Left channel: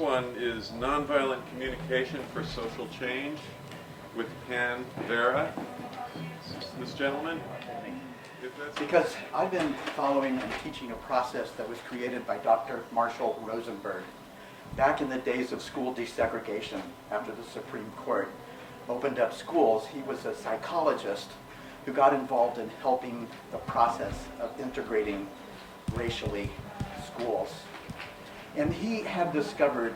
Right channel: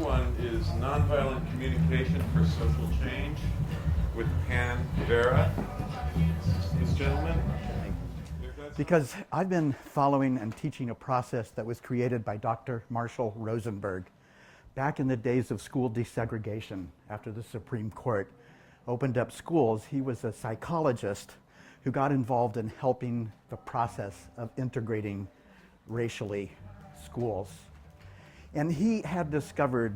one is Nonviolent Communication for Social Change with Pan Vera. This gentleman? Because I've been following and teaching a process that was created by Dr. Marshall Rosenberg back in the days of school desegregation after the Supreme Court opened up schools. He was a psychologist who got involved in helping the process of integrating racially schools. And he had discovered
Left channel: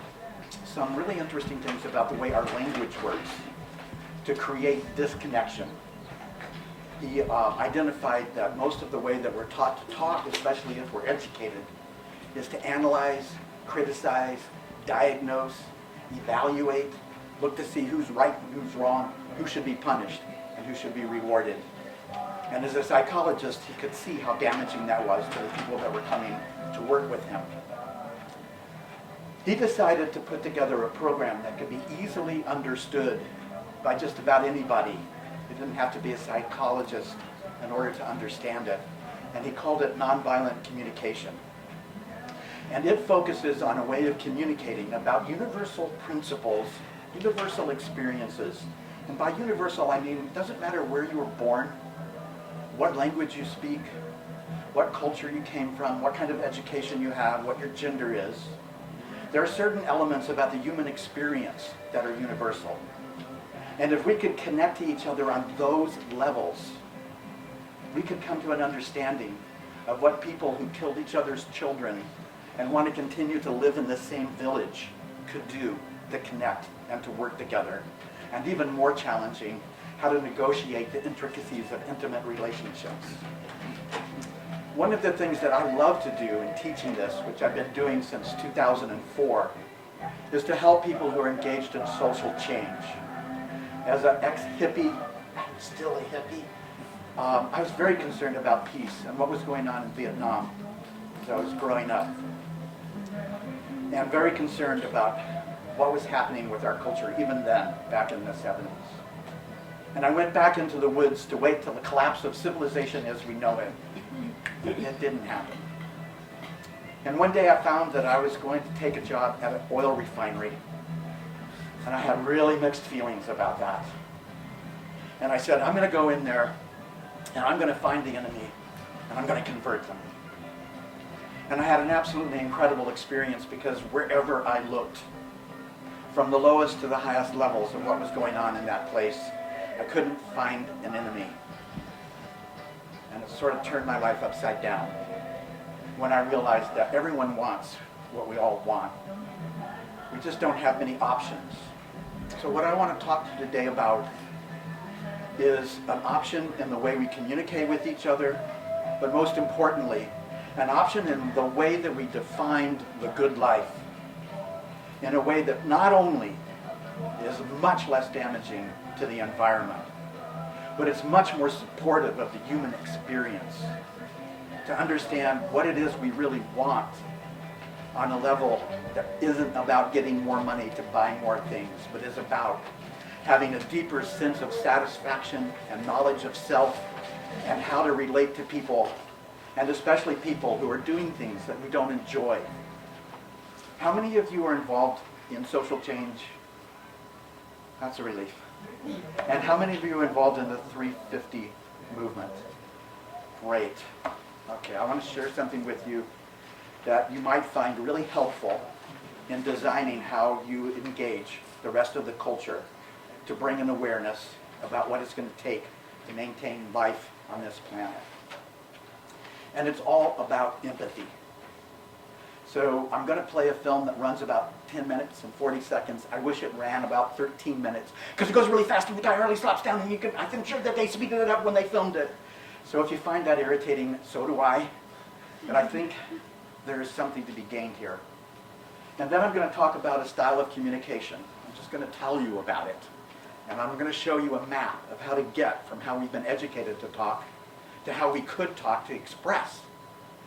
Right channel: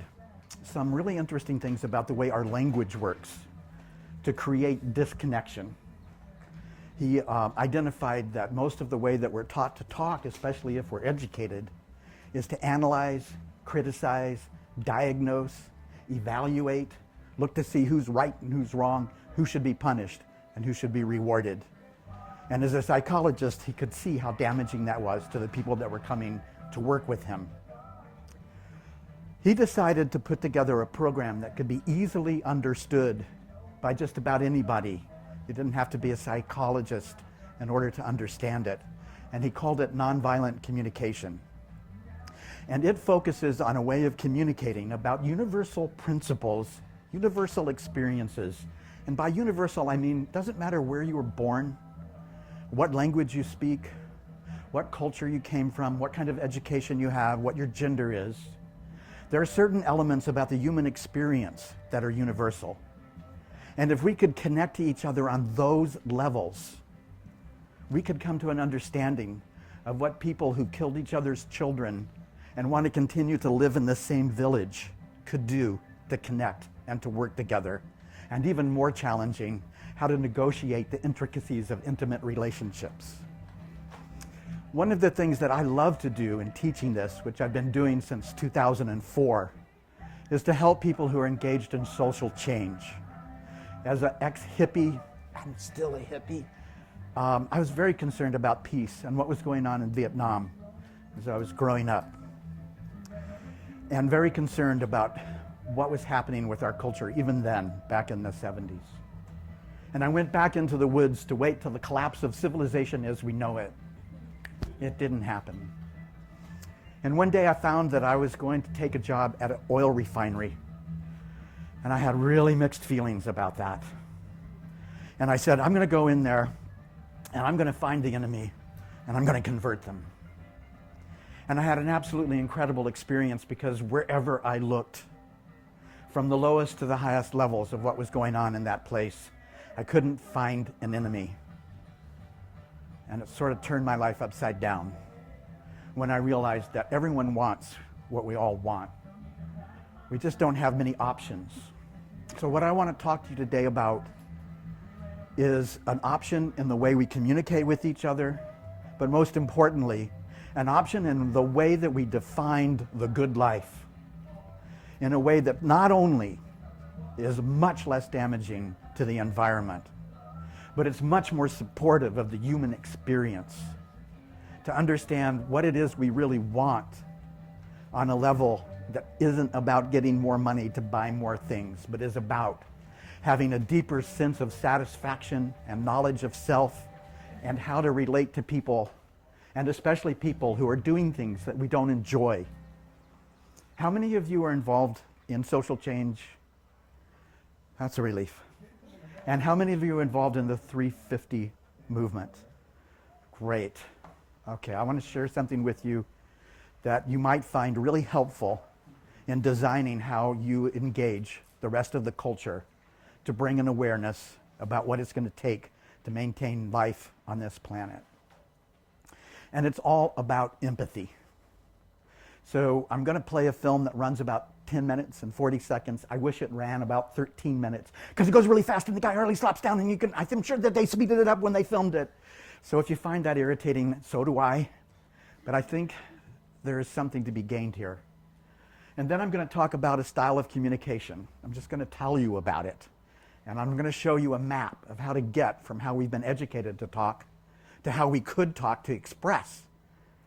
some really interesting things about the way our language works to create disconnection. He identified that most of the way that we're taught to talk, especially if we're educated, is to analyze, criticize, diagnose, evaluate, look to see who's right and who's wrong, who should be punished and who should be rewarded. And as a psychologist, he could see how damaging that was to the people that were coming to work with him. He decided to put together a program that could be easily understood by just about anybody. You didn't have to be a psychologist in order to understand it. And he called it Nonviolent Communication. And it focuses on a way of communicating about universal principles, universal experiences. And by universal, I mean, it doesn't matter where you were born, what language you speak, what culture you came from, what kind of education you have, what your gender is. There are certain elements about the human experience that are universal. And if we could connect to each other on those levels, we could come to an understanding of what people who killed each other's children and want to continue to live in the same village could do to connect and to work together. And even more challenging, how to negotiate the intricacies of intimate relationships. One of the things that I love to do in teaching this, which I've been doing since 2004, is to help people who are engaged in social change. As an ex-hippie, I'm still a hippie, I was very concerned about peace and what was going on in Vietnam as I was growing up. And very concerned about what was happening with our culture even then, back in the 70s. And I went back into the woods to wait till the collapse of civilization as we know it. It didn't happen. And one day I found that I was going to take a job at an oil refinery. And I had really mixed feelings about that. And I said, I'm going to go in there and I'm going to find the enemy and I'm going to convert them. And I had an absolutely incredible experience because wherever I looked, from the lowest to the highest levels of what was going on in that place, I couldn't find an enemy. And it sort of turned my life upside down when I realized that everyone wants what we all want. We just don't have many options. So what I want to talk to you today about is an option in the way we communicate with each other, but most importantly, an option in the way that we defined the good life, in a way that not only is much less damaging to the environment, but it's much more supportive of the human experience, to understand what it is we really want on a level that isn't about getting more money to buy more things, but is about having a deeper sense of satisfaction and knowledge of self and how to relate to people, and especially people who are doing things that we don't enjoy. How many of you are involved in social change? That's a relief. And how many of you are involved in the 350 movement? Great. Okay, I want to share something with you that you might find really helpful in designing how you engage the rest of the culture to bring an awareness about what it's going to take to maintain life on this planet. And it's all about empathy. So I'm going to play a film that runs about 10 minutes and 40 seconds. I wish it ran about 13 minutes because it goes really fast and the guy hardly stops down, and I'm sure that they speeded it up when they filmed it. So if you find that irritating, so do I. But I think there is something to be gained here. And then I'm going to talk about a style of communication. I'm just going to tell you about it. And I'm going to show you a map of how to get from how we've been educated to talk to how we could talk to express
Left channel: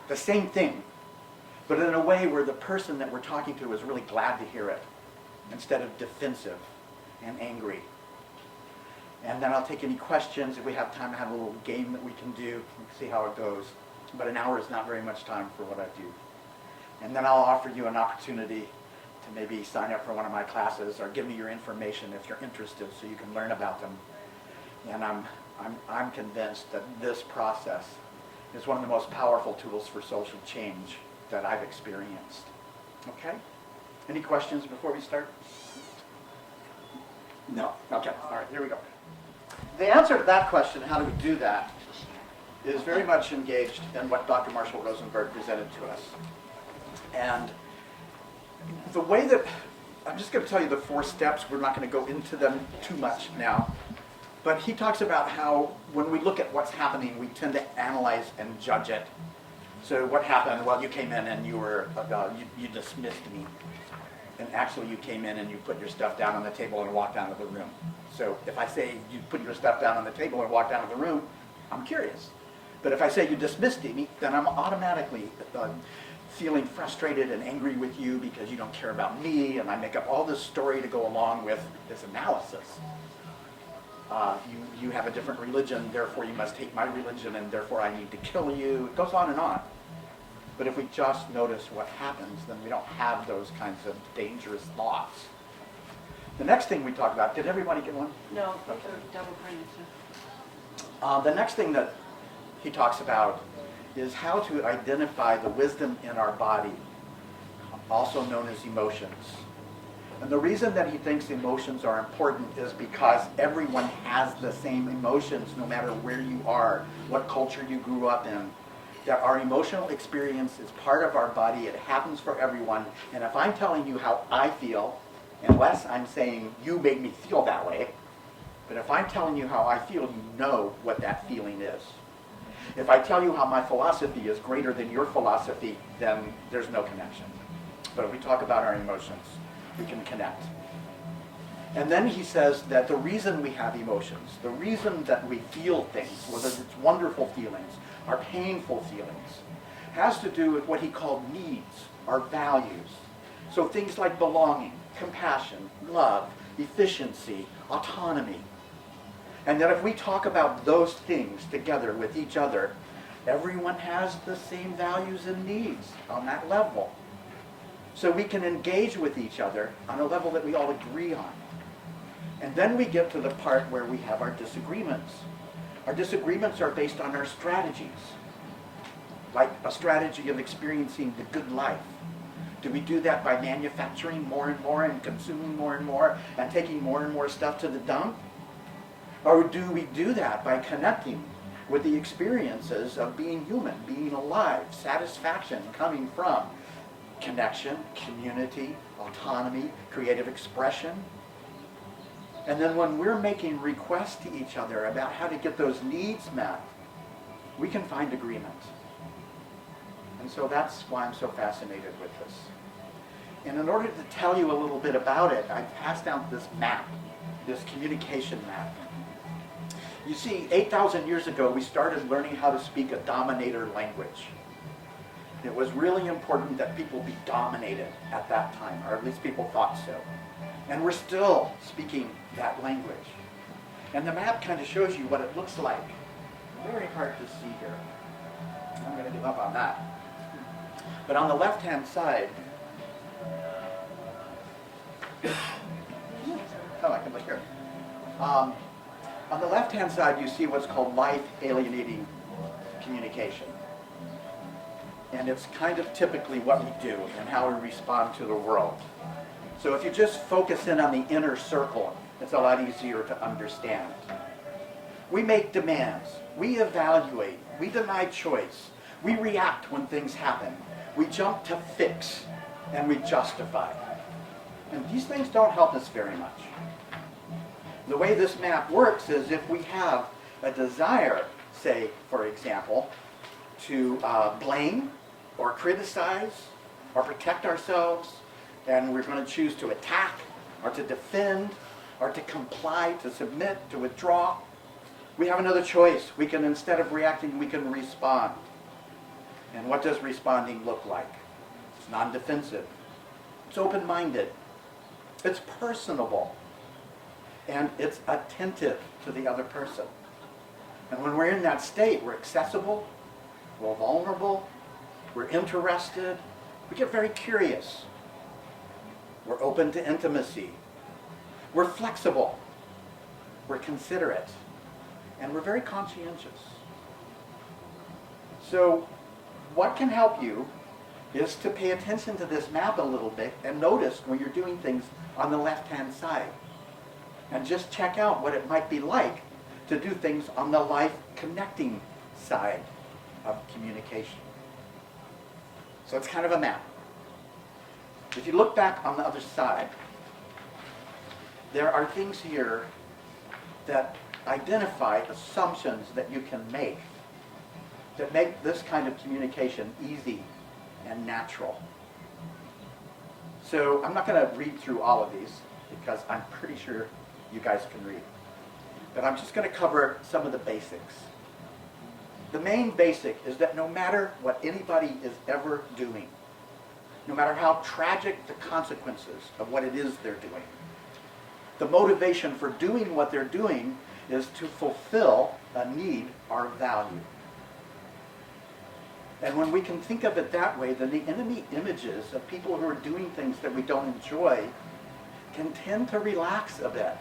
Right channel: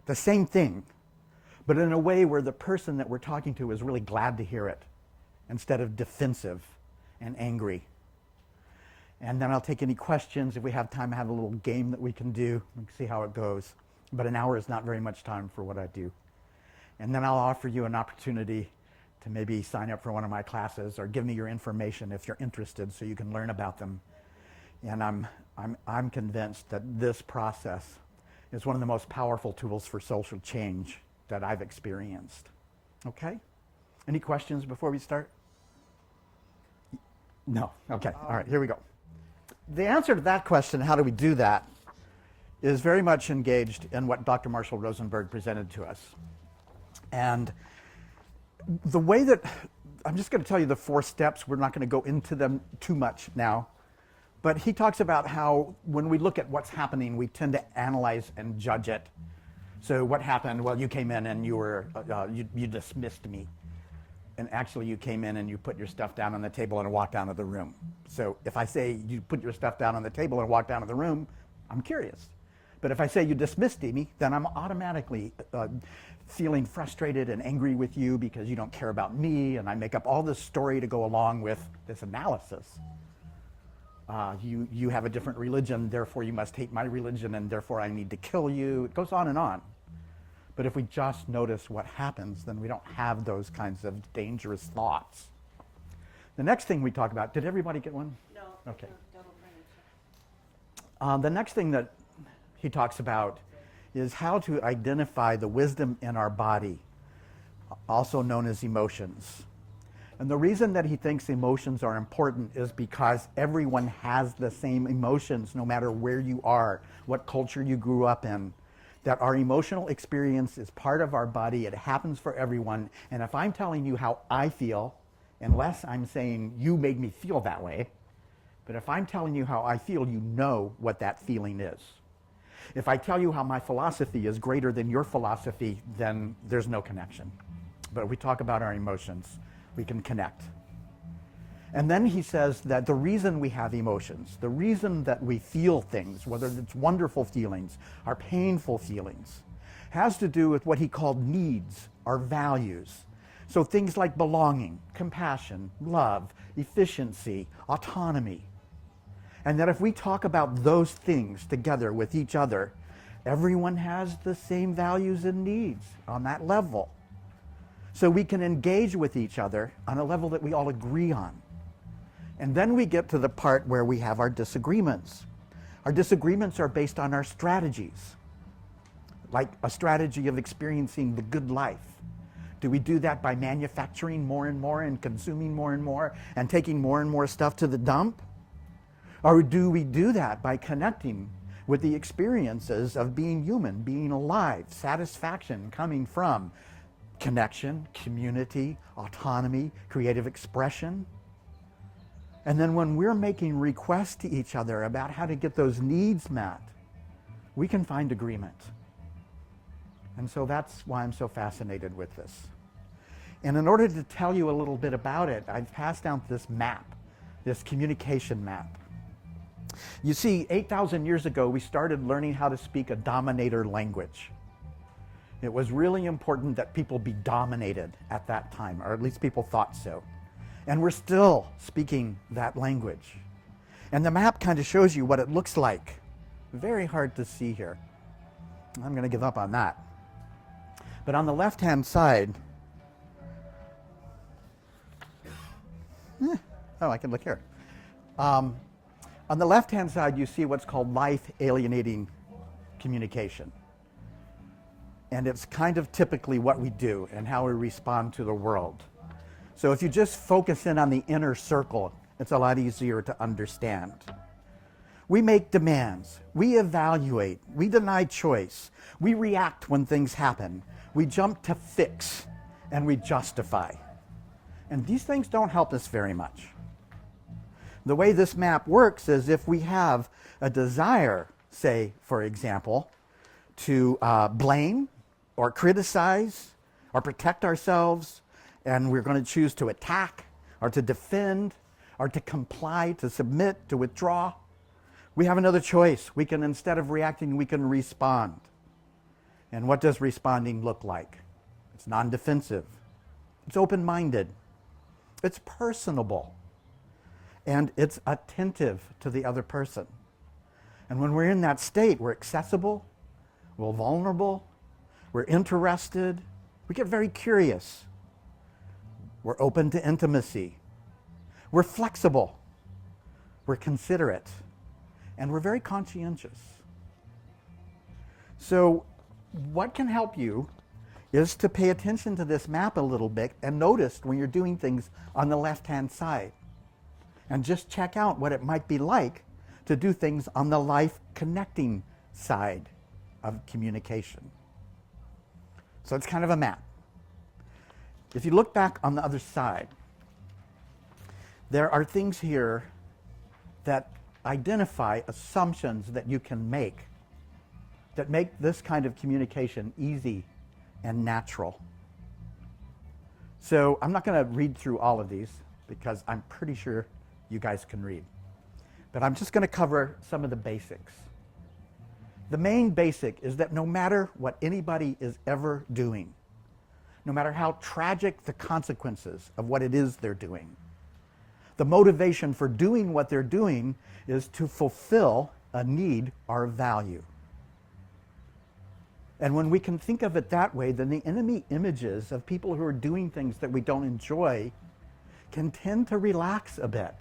the same thing, but in a way where the person that we're talking to is really glad to hear it instead of defensive and angry. And then I'll take any questions. If we have time, I have a little game that we can do and see how it goes. But an hour is not very much time for what I do. And then I'll offer you an opportunity to maybe sign up for one of my classes or give me your information if you're interested so you can learn about them. And I'm convinced that this process is one of the most powerful tools for social change that I've experienced. Okay? Any questions before we start? No. Okay. All right. Here we go. The answer to that question, how do we do that, is very much engaged in what Dr. Marshall Rosenberg presented to us. And the way that, I'm just going to tell you the 4 steps. We're not going to go into them too much now. But he talks about how when we look at what's happening, we tend to analyze and judge it. So what happened? Well, you came in and you dismissed me. And actually you came in and you put your stuff down on the table and walked out of the room. So if I say you put your stuff down on the table and walked out of the room, I'm curious. But if I say you dismissed me, then I'm automatically feeling frustrated and angry with you because you don't care about me, and I make up all this story to go along with this analysis. You have a different religion, therefore you must hate my religion, and therefore I need to kill you. It goes on and on. But if we just notice what happens, then we don't have those kinds of dangerous thoughts. The next thing we talk about, did everybody get one? No, Okay. double printed. The next thing that he talks about is how to identify the wisdom in our body, also known as emotions. And the reason that he thinks emotions are important is because everyone has the same emotions no matter where you are, what culture you grew up in. That our emotional experience is part of our body. It happens for everyone. And if I'm telling you how I feel, unless I'm saying you made me feel that way, but if I'm telling you how I feel, you know what that feeling is. If I tell you how my philosophy is greater than your philosophy, then there's no connection. But if we talk about our emotions, we can connect. And then he says that the reason we have emotions, the reason that we feel things, whether it's wonderful feelings or painful feelings, has to do with what he called needs, our values. So things like belonging, compassion, love, efficiency, autonomy. And that if we talk about those things together with each other, everyone has the same values and needs on that level. So we can engage with each other on a level that we all agree on. And then we get to the part where we have our disagreements. Our disagreements are based on our strategies, like a strategy of experiencing the good life. Do we do that by manufacturing more and more and consuming more and more and taking more and more stuff to the dump? Or do we do that by connecting with the experiences of being human, being alive, satisfaction coming from connection, community, autonomy, creative expression? And then when we're making requests to each other about how to get those needs met, we can find agreement. And so that's why I'm so fascinated with this. And in order to tell you a little bit about it, I've passed out this map, this communication map. You see, 8,000 years ago, we started learning how to speak a dominator language. It was really important that people be dominated at that time, or at least people thought so. And we're still speaking that language. And the map kind of shows you what it looks like. Very hard to see here. I'm going to give up on that. But on the left-hand side, oh, I can look here. On the left-hand side, you see what's called life alienating communication. And it's kind of typically what we do and how we respond to the world. So if you just focus in on the inner circle, it's a lot easier to understand. We make demands. We evaluate. We deny choice. We react when things happen. We jump to fix and we justify. And these things don't help us very much. The way this map works is if we have a desire, say, for example, to blame or criticize or protect ourselves, and we're going to choose to attack or to defend or to comply, to submit, to withdraw, we have another choice. We can, instead of reacting, we can respond. And what does responding look like? It's non-defensive. It's open-minded. It's personable. And it's attentive to the other person. And when we're in that state, we're accessible, we're vulnerable, we're interested, we get very curious. We're open to intimacy. We're flexible. We're considerate. And we're very conscientious. So what can help you is to pay attention to this map a little bit and notice when you're doing things on the left-hand side. And just check out what it might be like to do things on the life connecting side of communication. So it's kind of a map. If you look back on the other side, there are things here that identify assumptions that you can make that make this kind of communication easy and natural. So I'm not going to read through all of these because I'm pretty sure you guys can read. But I'm just going to cover some of the basics. The main basic is that no matter what anybody is ever doing, no matter how tragic the consequences of what it is they're doing, the motivation for doing what they're doing is to fulfill a need or value. And when we can think of it that way, then the enemy images of people who are doing things that we don't enjoy can tend to relax a bit.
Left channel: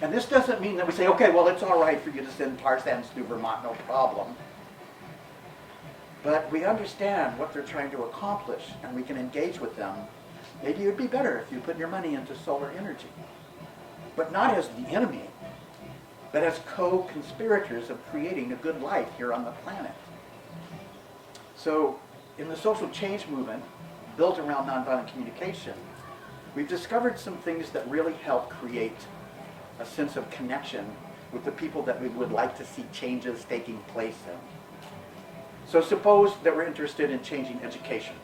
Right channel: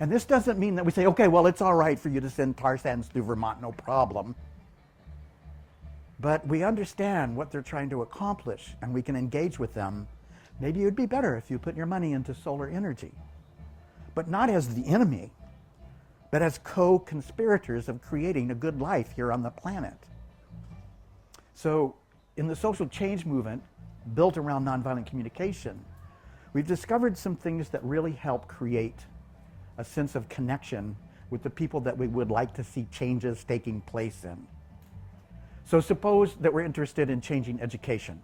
And this doesn't mean that we say, okay, well, it's all right for you to send Tarzans to Vermont, no problem. But we understand what they're trying to accomplish, and we can engage with them. Maybe it would be better if you put your money into solar energy. But not as the enemy, but as co-conspirators of creating a good life here on the planet. So in the social change movement built around nonviolent communication, we've discovered some things that really help create a sense of connection with the people that we would like to see changes taking place in. So suppose that we're interested in changing education,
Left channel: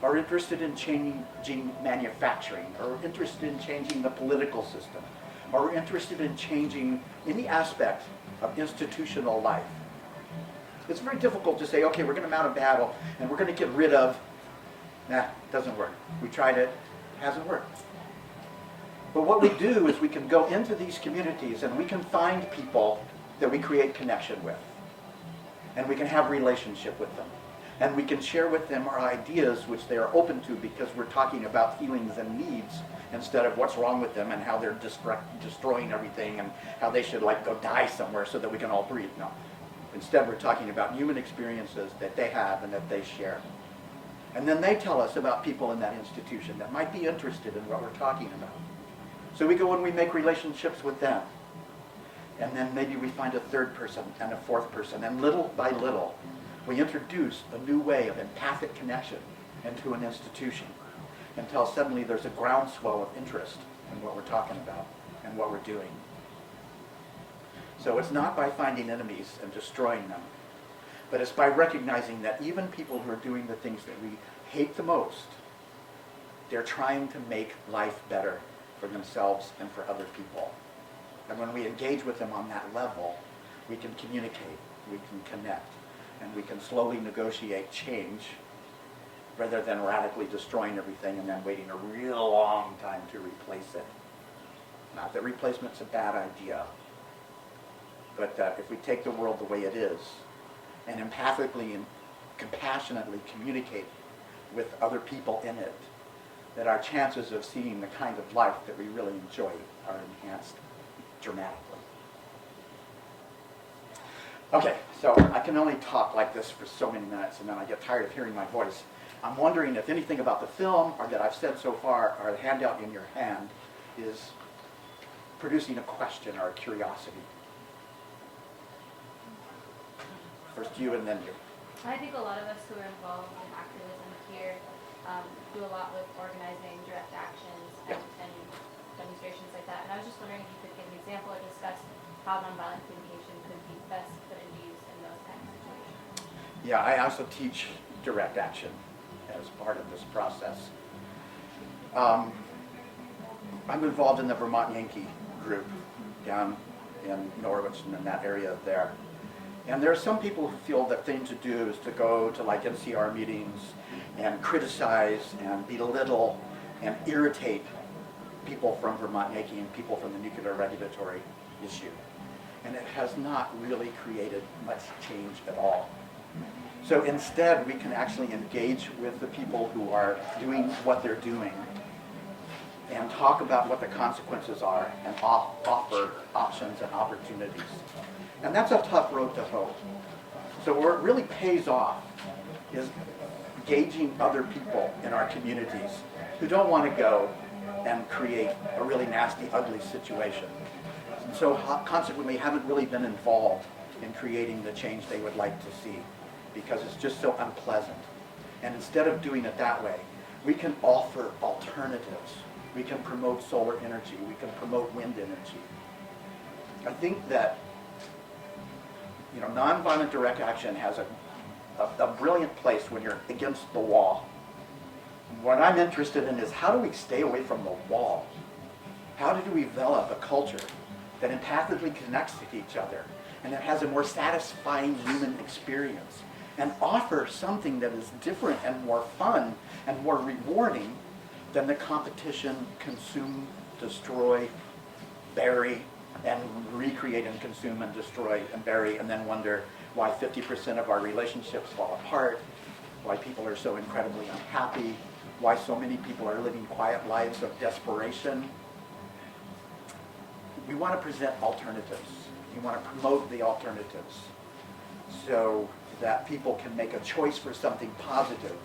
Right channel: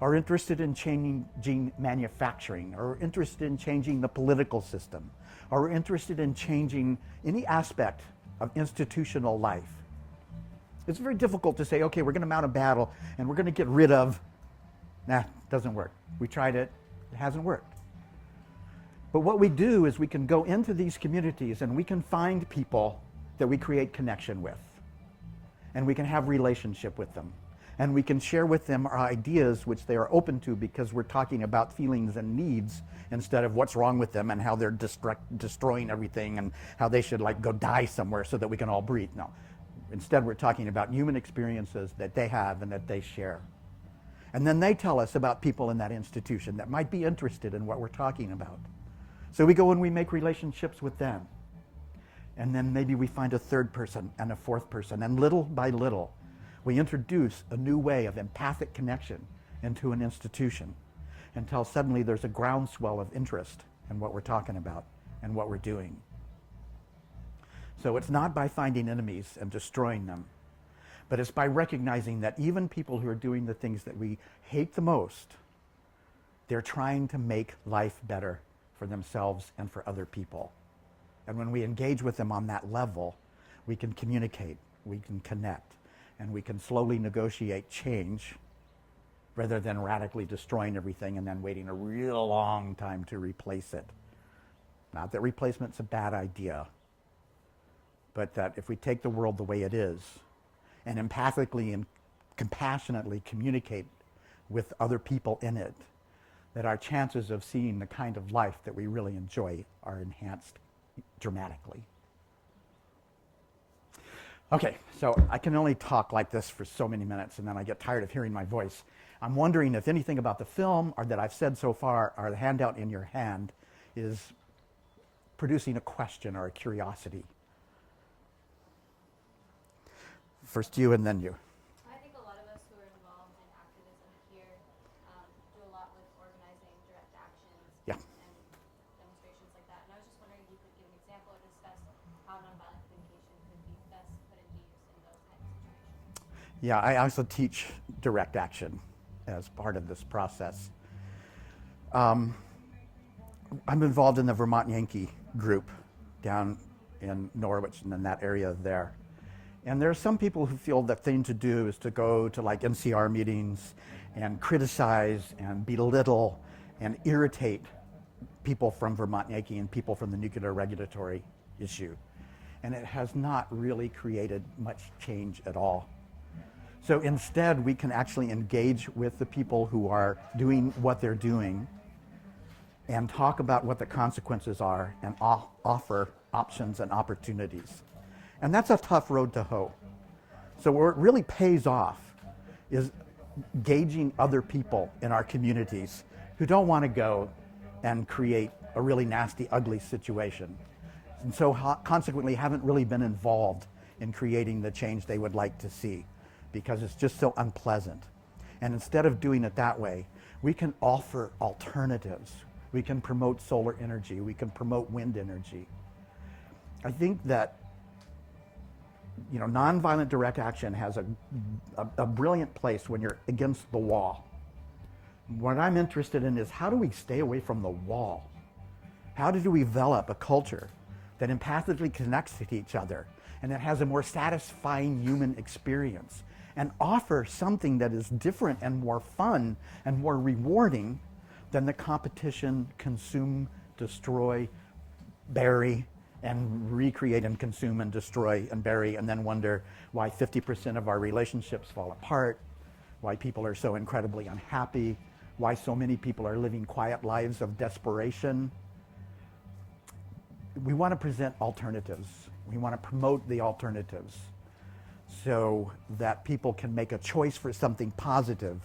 or interested in changing manufacturing, or interested in changing the political system, or we're interested in changing any aspect of institutional life. It's very difficult to say, okay, we're going to mount a battle and we're going to get rid of, doesn't work. We tried it, it hasn't worked. But what we do is we can go into these communities and we can find people that we create connection with. And we can have relationship with them. And we can share with them our ideas which they are open to because we're talking about feelings and needs instead of what's wrong with them and how they're destroying everything and how they should go die somewhere so that we can all breathe. No. Instead, we're talking about human experiences that they have and that they share. And then they tell us about people in that institution that might be interested in what we're talking about. So we go and we make relationships with them. And then maybe we find a third person and a fourth person. And little by little, we introduce a new way of empathic connection into an institution until suddenly there's a groundswell of interest in what we're talking about and what we're doing. So it's not by finding enemies and destroying them, but it's by recognizing that even people who are doing the things that we hate the most, they're trying to make life better for themselves and for other people. And when we engage with them on that level, we can communicate, we can connect, and we can slowly negotiate change rather than radically destroying everything and then waiting a real long time to replace it. Not that replacement's a bad idea, but that if we take the world the way it is and empathically and compassionately communicate with other people in it, that our chances of seeing the kind of life that we really enjoy are enhanced dramatically. Okay, so I can only talk like this for so many minutes and then I get tired of hearing my voice. I'm wondering if anything about the film or that I've said so far or the handout in your hand is producing a question or a curiosity. First you and then you. I think a lot of us who are involved in activism here do a lot with organizing direct actions Yeah. and demonstrations like that. And I was just wondering if you could give an example or discuss how nonviolent communication could be best put into use in those kinds of situations. Yeah, I also teach direct action as part of this process. I'm involved in the Vermont Yankee group down in Norwich and in that area there. And there are some people who feel the thing to do is to go to NCR meetings and criticize and belittle and irritate people from Vermont Yankee and people from the nuclear regulatory issue. And it has not really created much change at all. So instead, we can actually engage with the people who are doing what they're doing and talk about what the consequences are and offer options and opportunities. And that's a tough road to hoe. So where it really pays off is gauging other people in our communities who don't want to go and create a really nasty, ugly situation. And so consequently haven't really been involved in creating the change they would like to see because it's just so unpleasant. And instead of doing it that way, we can offer alternatives. We can promote solar energy. We can promote wind energy. I think that nonviolent direct action has a brilliant place when you're against the wall. What I'm interested in is how do we stay away from the wall? How do we develop a culture that empathically connects with each other and it has a more satisfying human experience and offer something that is different and more fun and more rewarding than the competition, consume, destroy, bury, and recreate and consume and destroy and bury, and then wonder why 50% of our relationships fall apart, why people are so incredibly unhappy, why so many people are living quiet lives of desperation. We want to present alternatives. We want to promote the alternatives so that people can make a choice for something positive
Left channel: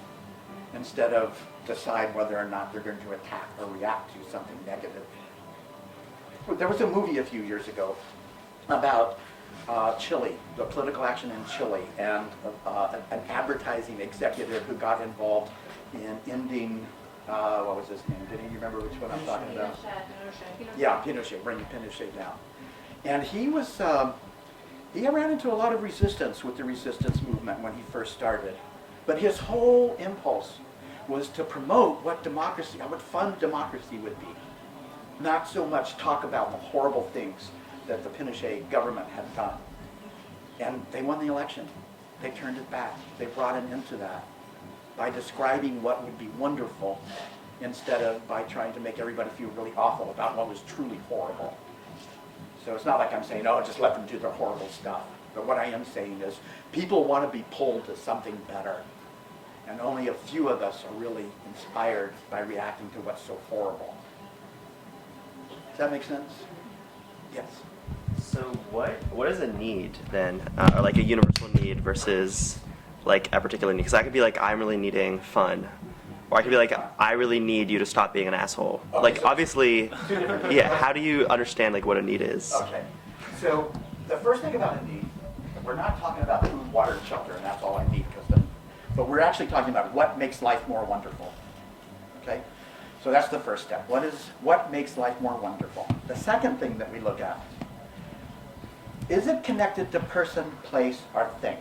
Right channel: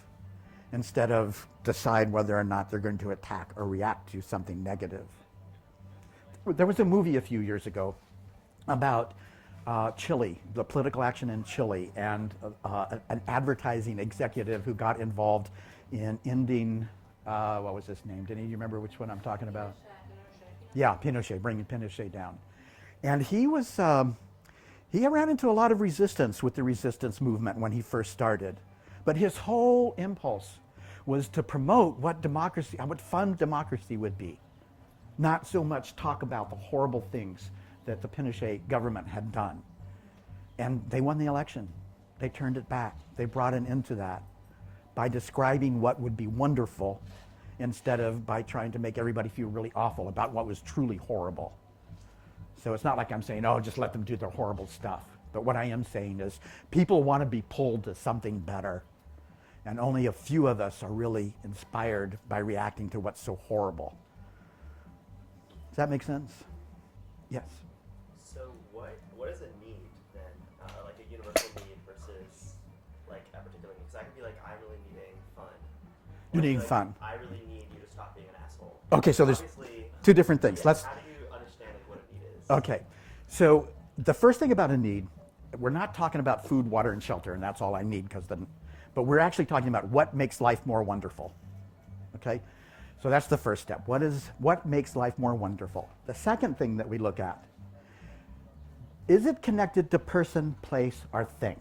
instead of decide whether or not they're going to attack or react to something negative. There was a movie a few years ago about Chile, the political action in Chile, and an advertising executive who got involved in ending, what was his name? Did you remember which one I'm talking about? Pinochet. Yeah, Pinochet, bringing Pinochet down. And he was, he ran into a lot of resistance with the resistance movement when he first started. But his whole impulse was to promote what democracy, what fun democracy would be. Not so much talk about the horrible things that the Pinochet government had done. And they won the election. They turned it back. They brought an end to that by describing what would be wonderful instead of by trying to make everybody feel really awful about what was truly horrible. So it's not like I'm saying, oh, just let them do their horrible stuff. But what I am saying is people want to be pulled to something better. And only a few of us are really inspired by reacting to what's so horrible. Does that make sense? Yes. So what is a need then, or like a universal need versus like a particular need? Because I could be like, I'm really needing fun, or I could be like, fun. I really need you to stop being an asshole. Okay, like so there's obviously, two different things. yeah. That's- How do you understand like what a need is? Okay. So the first thing about a need, we're not talking about food, water, and shelter, and that's all I need, but we're actually talking about what makes life more wonderful. Okay? So that's the first step. What makes life more wonderful? The second thing that we look at, is it connected to person, place, or thing?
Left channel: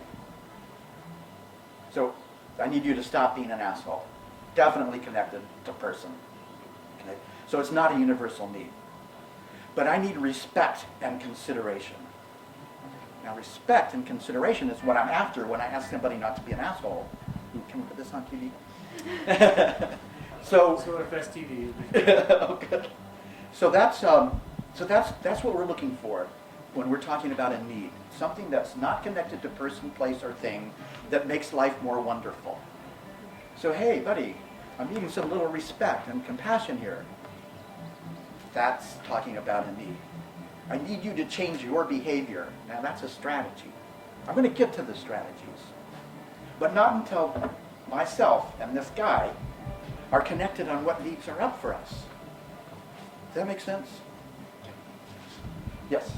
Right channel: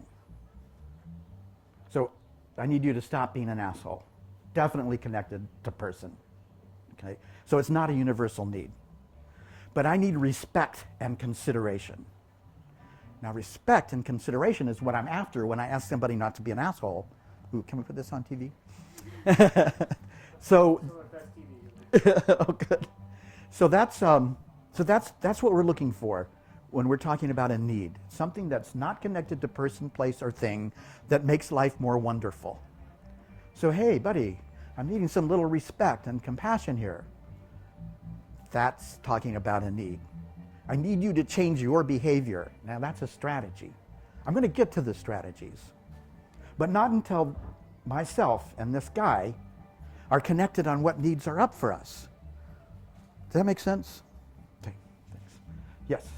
So I need you to stop being an asshole. Definitely connected to person. Okay? So it's not a universal need. But I need respect and consideration. Now respect and consideration is what I'm after when I ask somebody not to be an asshole. Ooh, can we put this on TV? So it affects TV. oh, good. So that's what we're looking for when we're talking about a need. Something that's not connected to person, place, or thing that makes life more wonderful. So hey, buddy, I'm needing some little respect and compassion here. That's talking about a need. I need you to change your behavior. Now that's a strategy. I'm going to get to the strategies. But not until myself and this guy are connected on what needs are up for us. Does that make sense? Okay. Yes.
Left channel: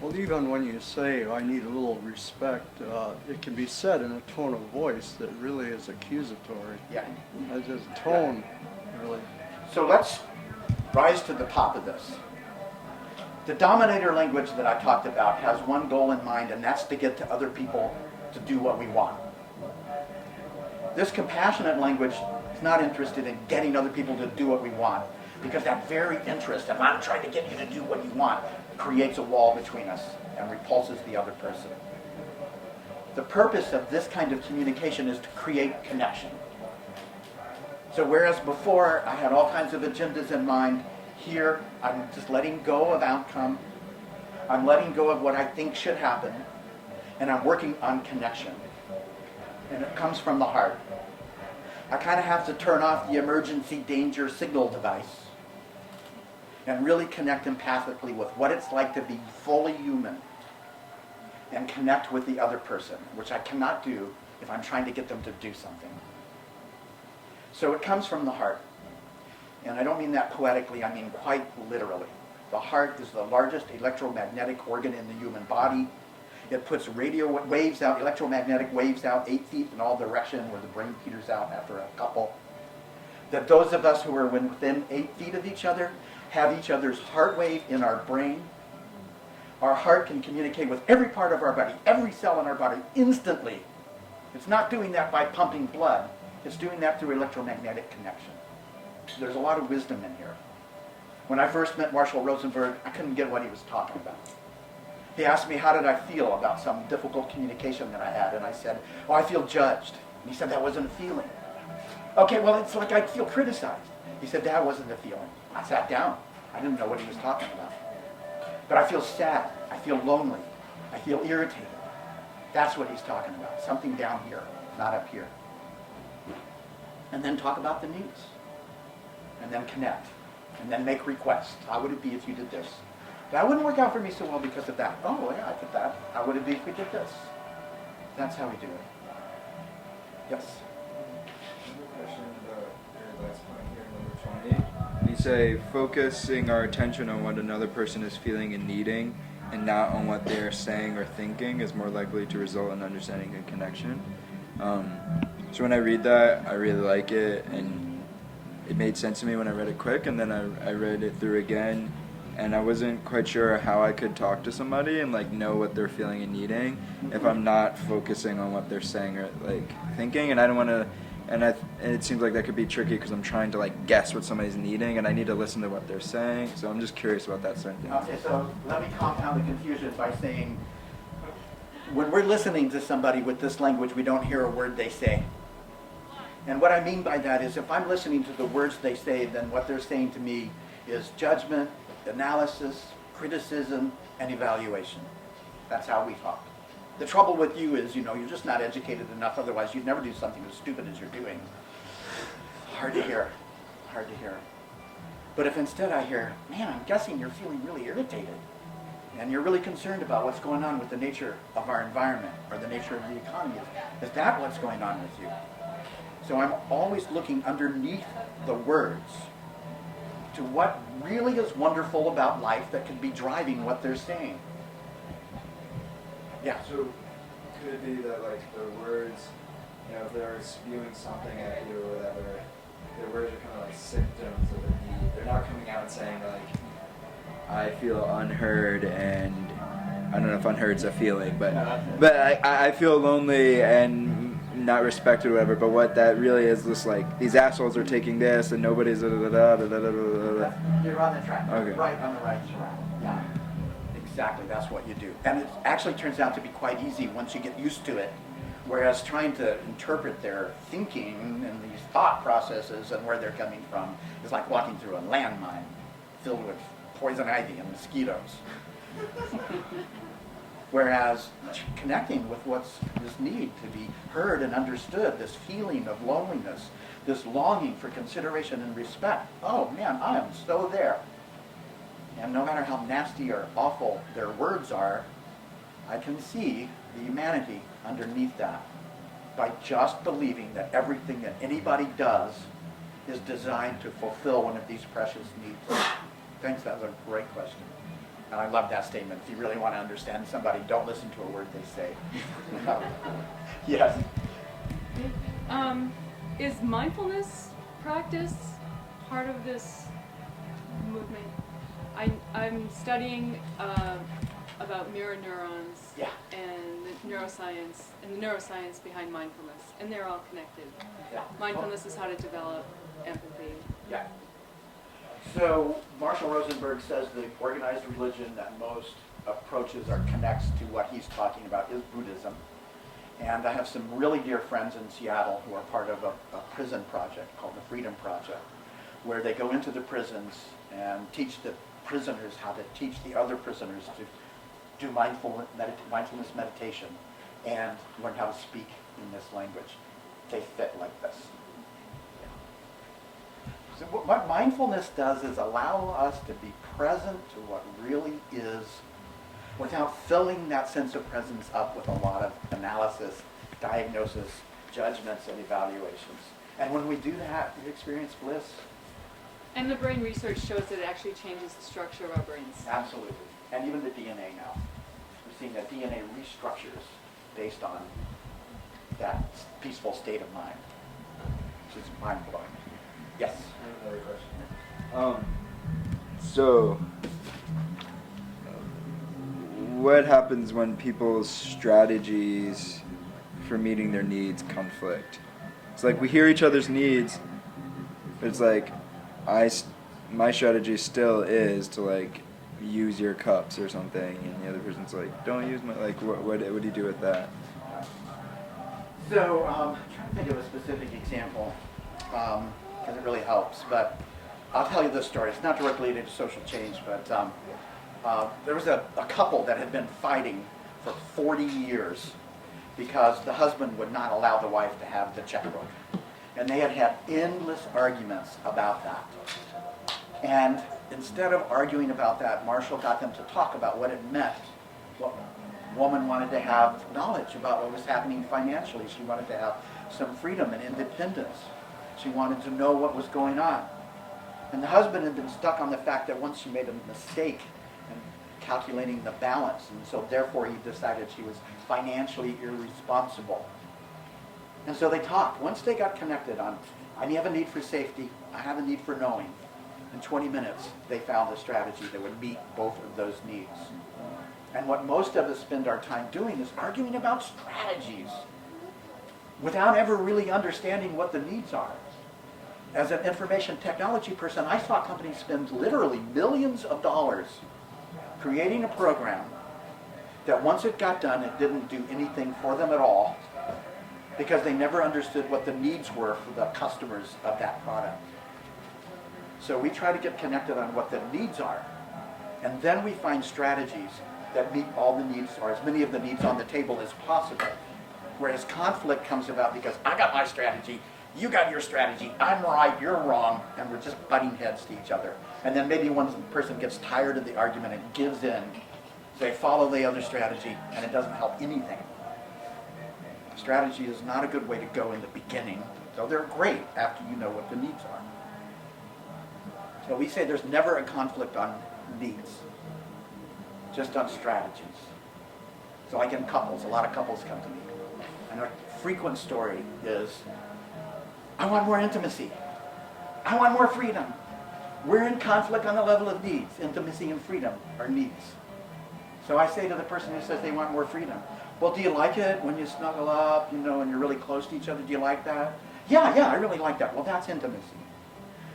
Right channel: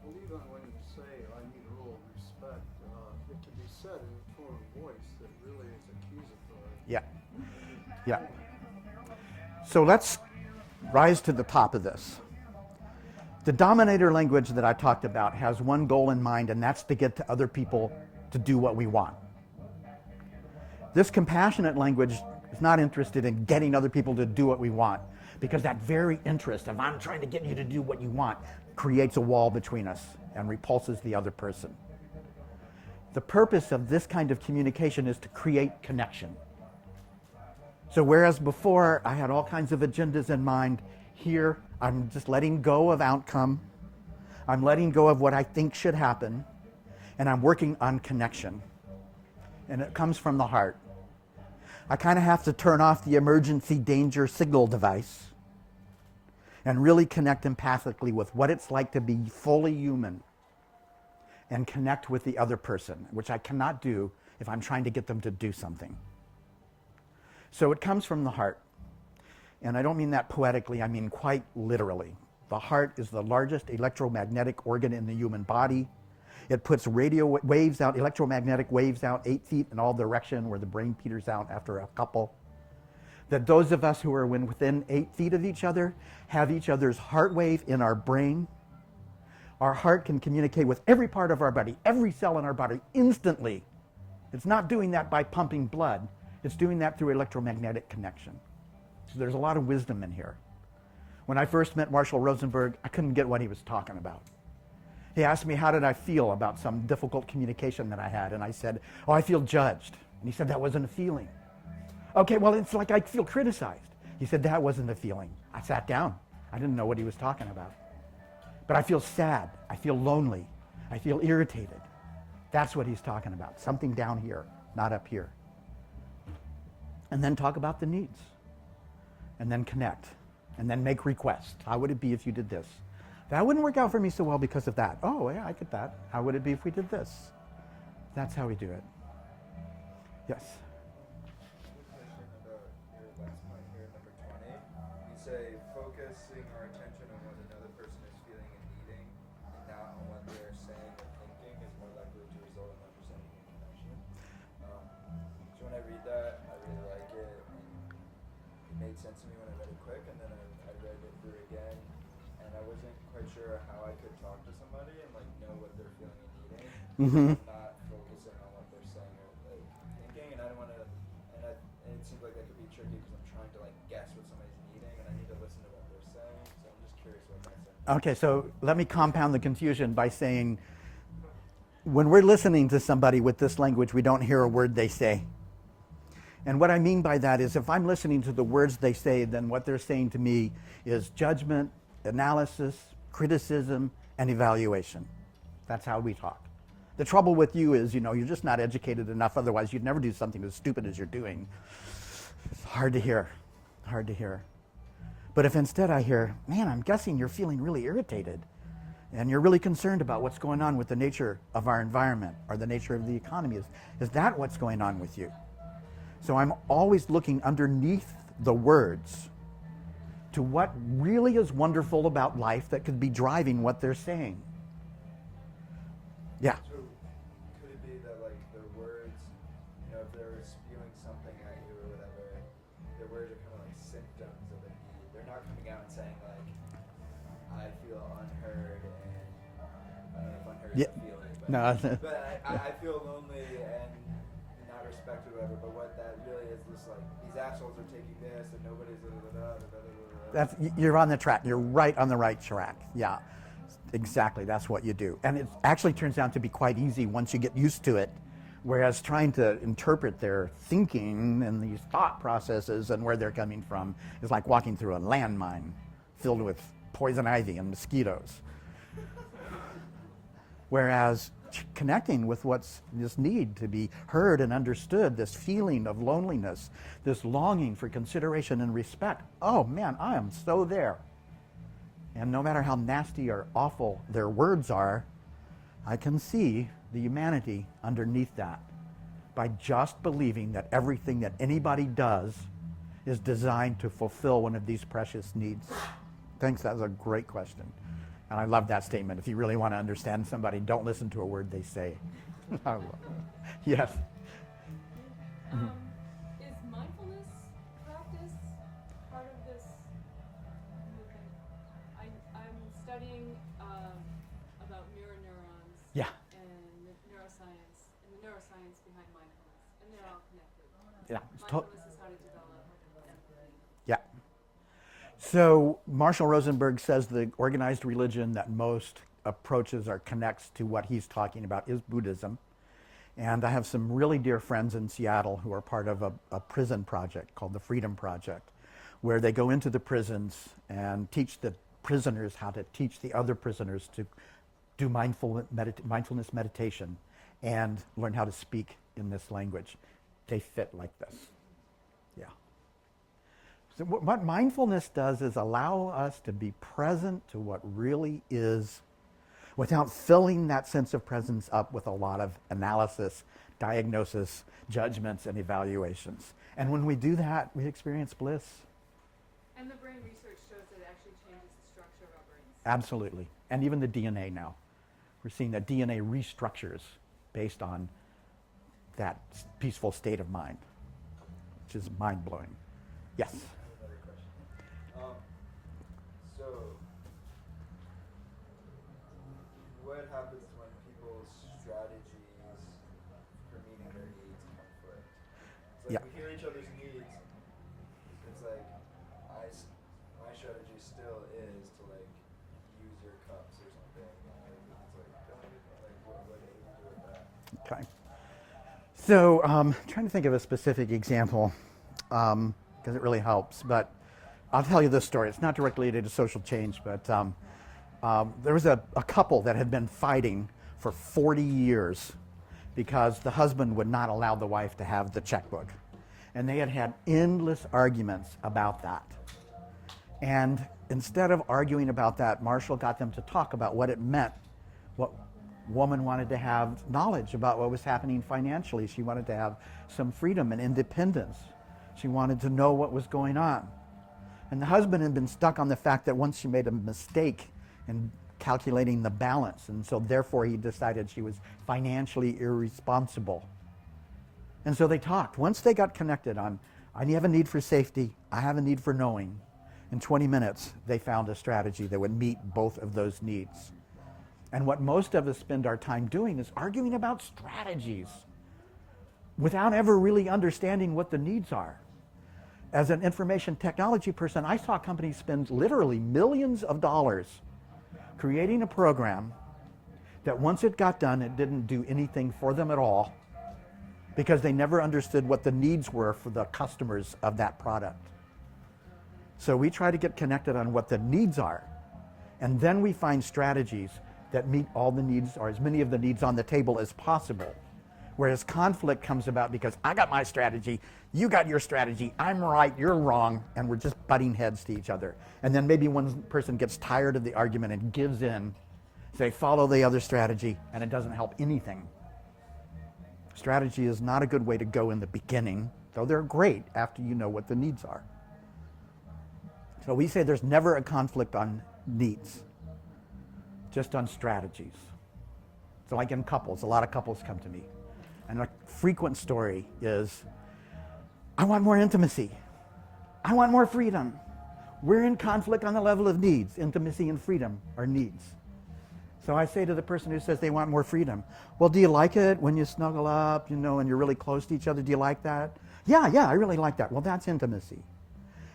Well, even when you say, I need a little respect, it can be said in a tone of voice that really is accusatory. Yeah. As a tone, really. So let's rise to the top of this. The dominator language that I talked about has one goal in mind, and that's to get to other people to do what we want. This compassionate language is not interested in getting other people to do what we want, because that very interest of I'm trying to get you to do what you want creates a wall between us and repulses the other person. The purpose of this kind of communication is to create connection. So whereas before I had all kinds of agendas in mind, here I'm just letting go of outcome, I'm letting go of what I think should happen, and I'm working on connection. And it comes from the heart. I kind of have to turn off the emergency danger signal device and really connect empathically with what it's like to be fully human and connect with the other person, which I cannot do if I'm trying to get them to do something. So it comes from the heart. And I don't mean that poetically, I mean quite literally. The heart is the largest electromagnetic organ in the human body. It puts radio waves out, electromagnetic waves out 8 feet in all direction, where the brain peters out after a couple. That those of us who are within 8 feet of each other have each other's heart wave in our brain. Our heart can communicate with every part of our body, every cell in our body, instantly. It's not doing that by pumping blood. It's doing that through electromagnetic connection. So there's a lot of wisdom in here. When I first met Marshall Rosenberg, I couldn't get what he was talking about. He asked me how did I feel about some difficult communication that I had, and I said, oh, I feel judged. And he said, that wasn't a feeling. Okay, well, it's like I feel criticized. He said, that wasn't a feeling. I sat down. I didn't know what he was talking about. But I feel sad. I feel lonely. I feel irritated. That's what he's talking about. Something down here, not up here. And then talk about the needs. And then connect. And then make requests. How would it be if you did this? That wouldn't work out for me so well because of that. Oh, yeah, I get that. How would it be if we did this? That's how we do it. Yes. Question about your last point here, number 20. You say focusing our attention on what another person is feeling and needing, and not on what they're saying or thinking, is more likely to result in understanding and connection. So when I read that, I really like it, and it made sense to me when I read it quick, and then I read it through again, and I wasn't quite sure how I could talk to somebody and like know what they're feeling and needing if I'm not focusing on what they're saying or like thinking. And I don't want to, and it seems like that could be tricky because I'm trying to like guess what somebody's needing, and I need to listen to what they're saying. So I'm just curious about that sort of thing. Okay, so let me compound the confusion by saying, when we're listening to somebody with this language, we don't hear a word they say. And what I mean by that is if I'm listening to the words they say, then what they're saying to me is judgment, analysis, criticism, and evaluation. That's how we talk. The trouble with you is, you're just not educated enough, otherwise you'd never do something as stupid as you're doing. Hard to hear. Hard to hear. But if instead I hear, man, I'm guessing you're feeling really irritated, and you're really concerned about what's going on with the nature of our environment or the nature of the economy, is that what's going on with you? So I'm always looking underneath the words to what really is wonderful about life that could be driving what they're saying. Yeah. So could it be that like the words, if they're spewing something at you or whatever, the words are kind of like symptoms of a need. They're not coming out and saying like, I feel unheard, and I don't know if unheard's a feeling, but No. but I feel lonely and not respected or whatever. But what that really is just like these assholes are taking this and nobody's You're on the track. You're Okay. right on the right track. Yeah, exactly. That's what you do. And it actually turns out to be quite easy once you get used to it. Whereas trying to interpret their thinking and these thought processes and where they're coming from is like walking through a landmine filled with poison ivy and mosquitoes. Whereas connecting with what's this need to be heard and understood, this feeling of loneliness, this longing for consideration and respect. Oh man, I am so there. And no matter how nasty or awful their words are, I can see the humanity underneath that by just believing that everything that anybody does is designed to fulfill one of these precious needs. Thanks, that was a great question. And I love that statement. If you really want to understand somebody, don't listen to a word they say. Yes. Is mindfulness practice part of this movement? I'm studying about mirror neurons Yeah. and the neuroscience behind mindfulness, and they're all connected. Yeah. Mindfulness is how to develop empathy. Yeah. So Marshall Rosenberg says the organized religion that most approaches or connects to what he's talking about is Buddhism. And I have some really dear friends in Seattle who are part of a prison project called the Freedom Project, where they go into the prisons and teach the prisoners how to teach the other prisoners to do mindfulness meditation and learn how to speak in this language. They fit like this. Yeah. So what mindfulness does is allow us to be present to what really is without filling that sense of presence up with a lot of analysis, diagnosis, judgments, and evaluations. And when we do that, we experience bliss. And the brain research shows that it actually changes the structure of our brains. Absolutely. And even the DNA now. We're seeing that DNA restructures based on that peaceful state of mind, which is mind-blowing. Yes? I have another question. So, what happens when people's strategies for meeting their needs conflict? It's like we hear each other's needs, but it's like my strategy still is to like use your cups or something, and the other person's like, don't use my, like, what do you do with that? Okay. So, trying to think of a specific example, because it really helps, but I'll tell you this story. It's not directly related to social change, but there was a couple that had been fighting for 40 years because the husband would not allow the wife to have the checkbook. And they had had endless arguments about that. And instead of arguing about that, Marshall got them to talk about what it meant. What woman wanted to have knowledge about what was happening financially. She wanted to have some freedom and independence. She wanted to know what was going on. And the husband had been stuck on the fact that once she made a mistake in calculating the balance, and so therefore he decided she was financially irresponsible. And so they talked. Once they got connected on, I have a need for safety, I have a need for knowing, in 20 minutes they found a strategy that would meet both of those needs. And what most of us spend our time doing is arguing about strategies without ever really understanding what the needs are. As an information technology person, I saw companies spend literally millions of dollars creating a program that once it got done, it didn't do anything for them at all because they never understood what the needs were for the customers of that product. So we try to get connected on what the needs are, and then we find strategies that meet all the needs, or as many of the needs on the table as possible. Whereas conflict comes about because I got my strategy, you got your strategy, I'm right, you're wrong, and we're just butting heads to each other. And then maybe one person gets tired of the argument and gives in, say, follow the other strategy, and it doesn't help anything. Strategy is not a good way to go in the beginning, though they're great after you know what the needs are. So we say there's never a conflict on needs, just on strategies. So like in couples, a lot of couples come to me. And a frequent story is, I want more intimacy. I want more freedom. We're in conflict on the level of needs. Intimacy and freedom are needs. So I say to the person who says they want more freedom, well, do you like it when you snuggle up, and you're really close to each other? Do you like that? Yeah, I really like that. Well, that's intimacy.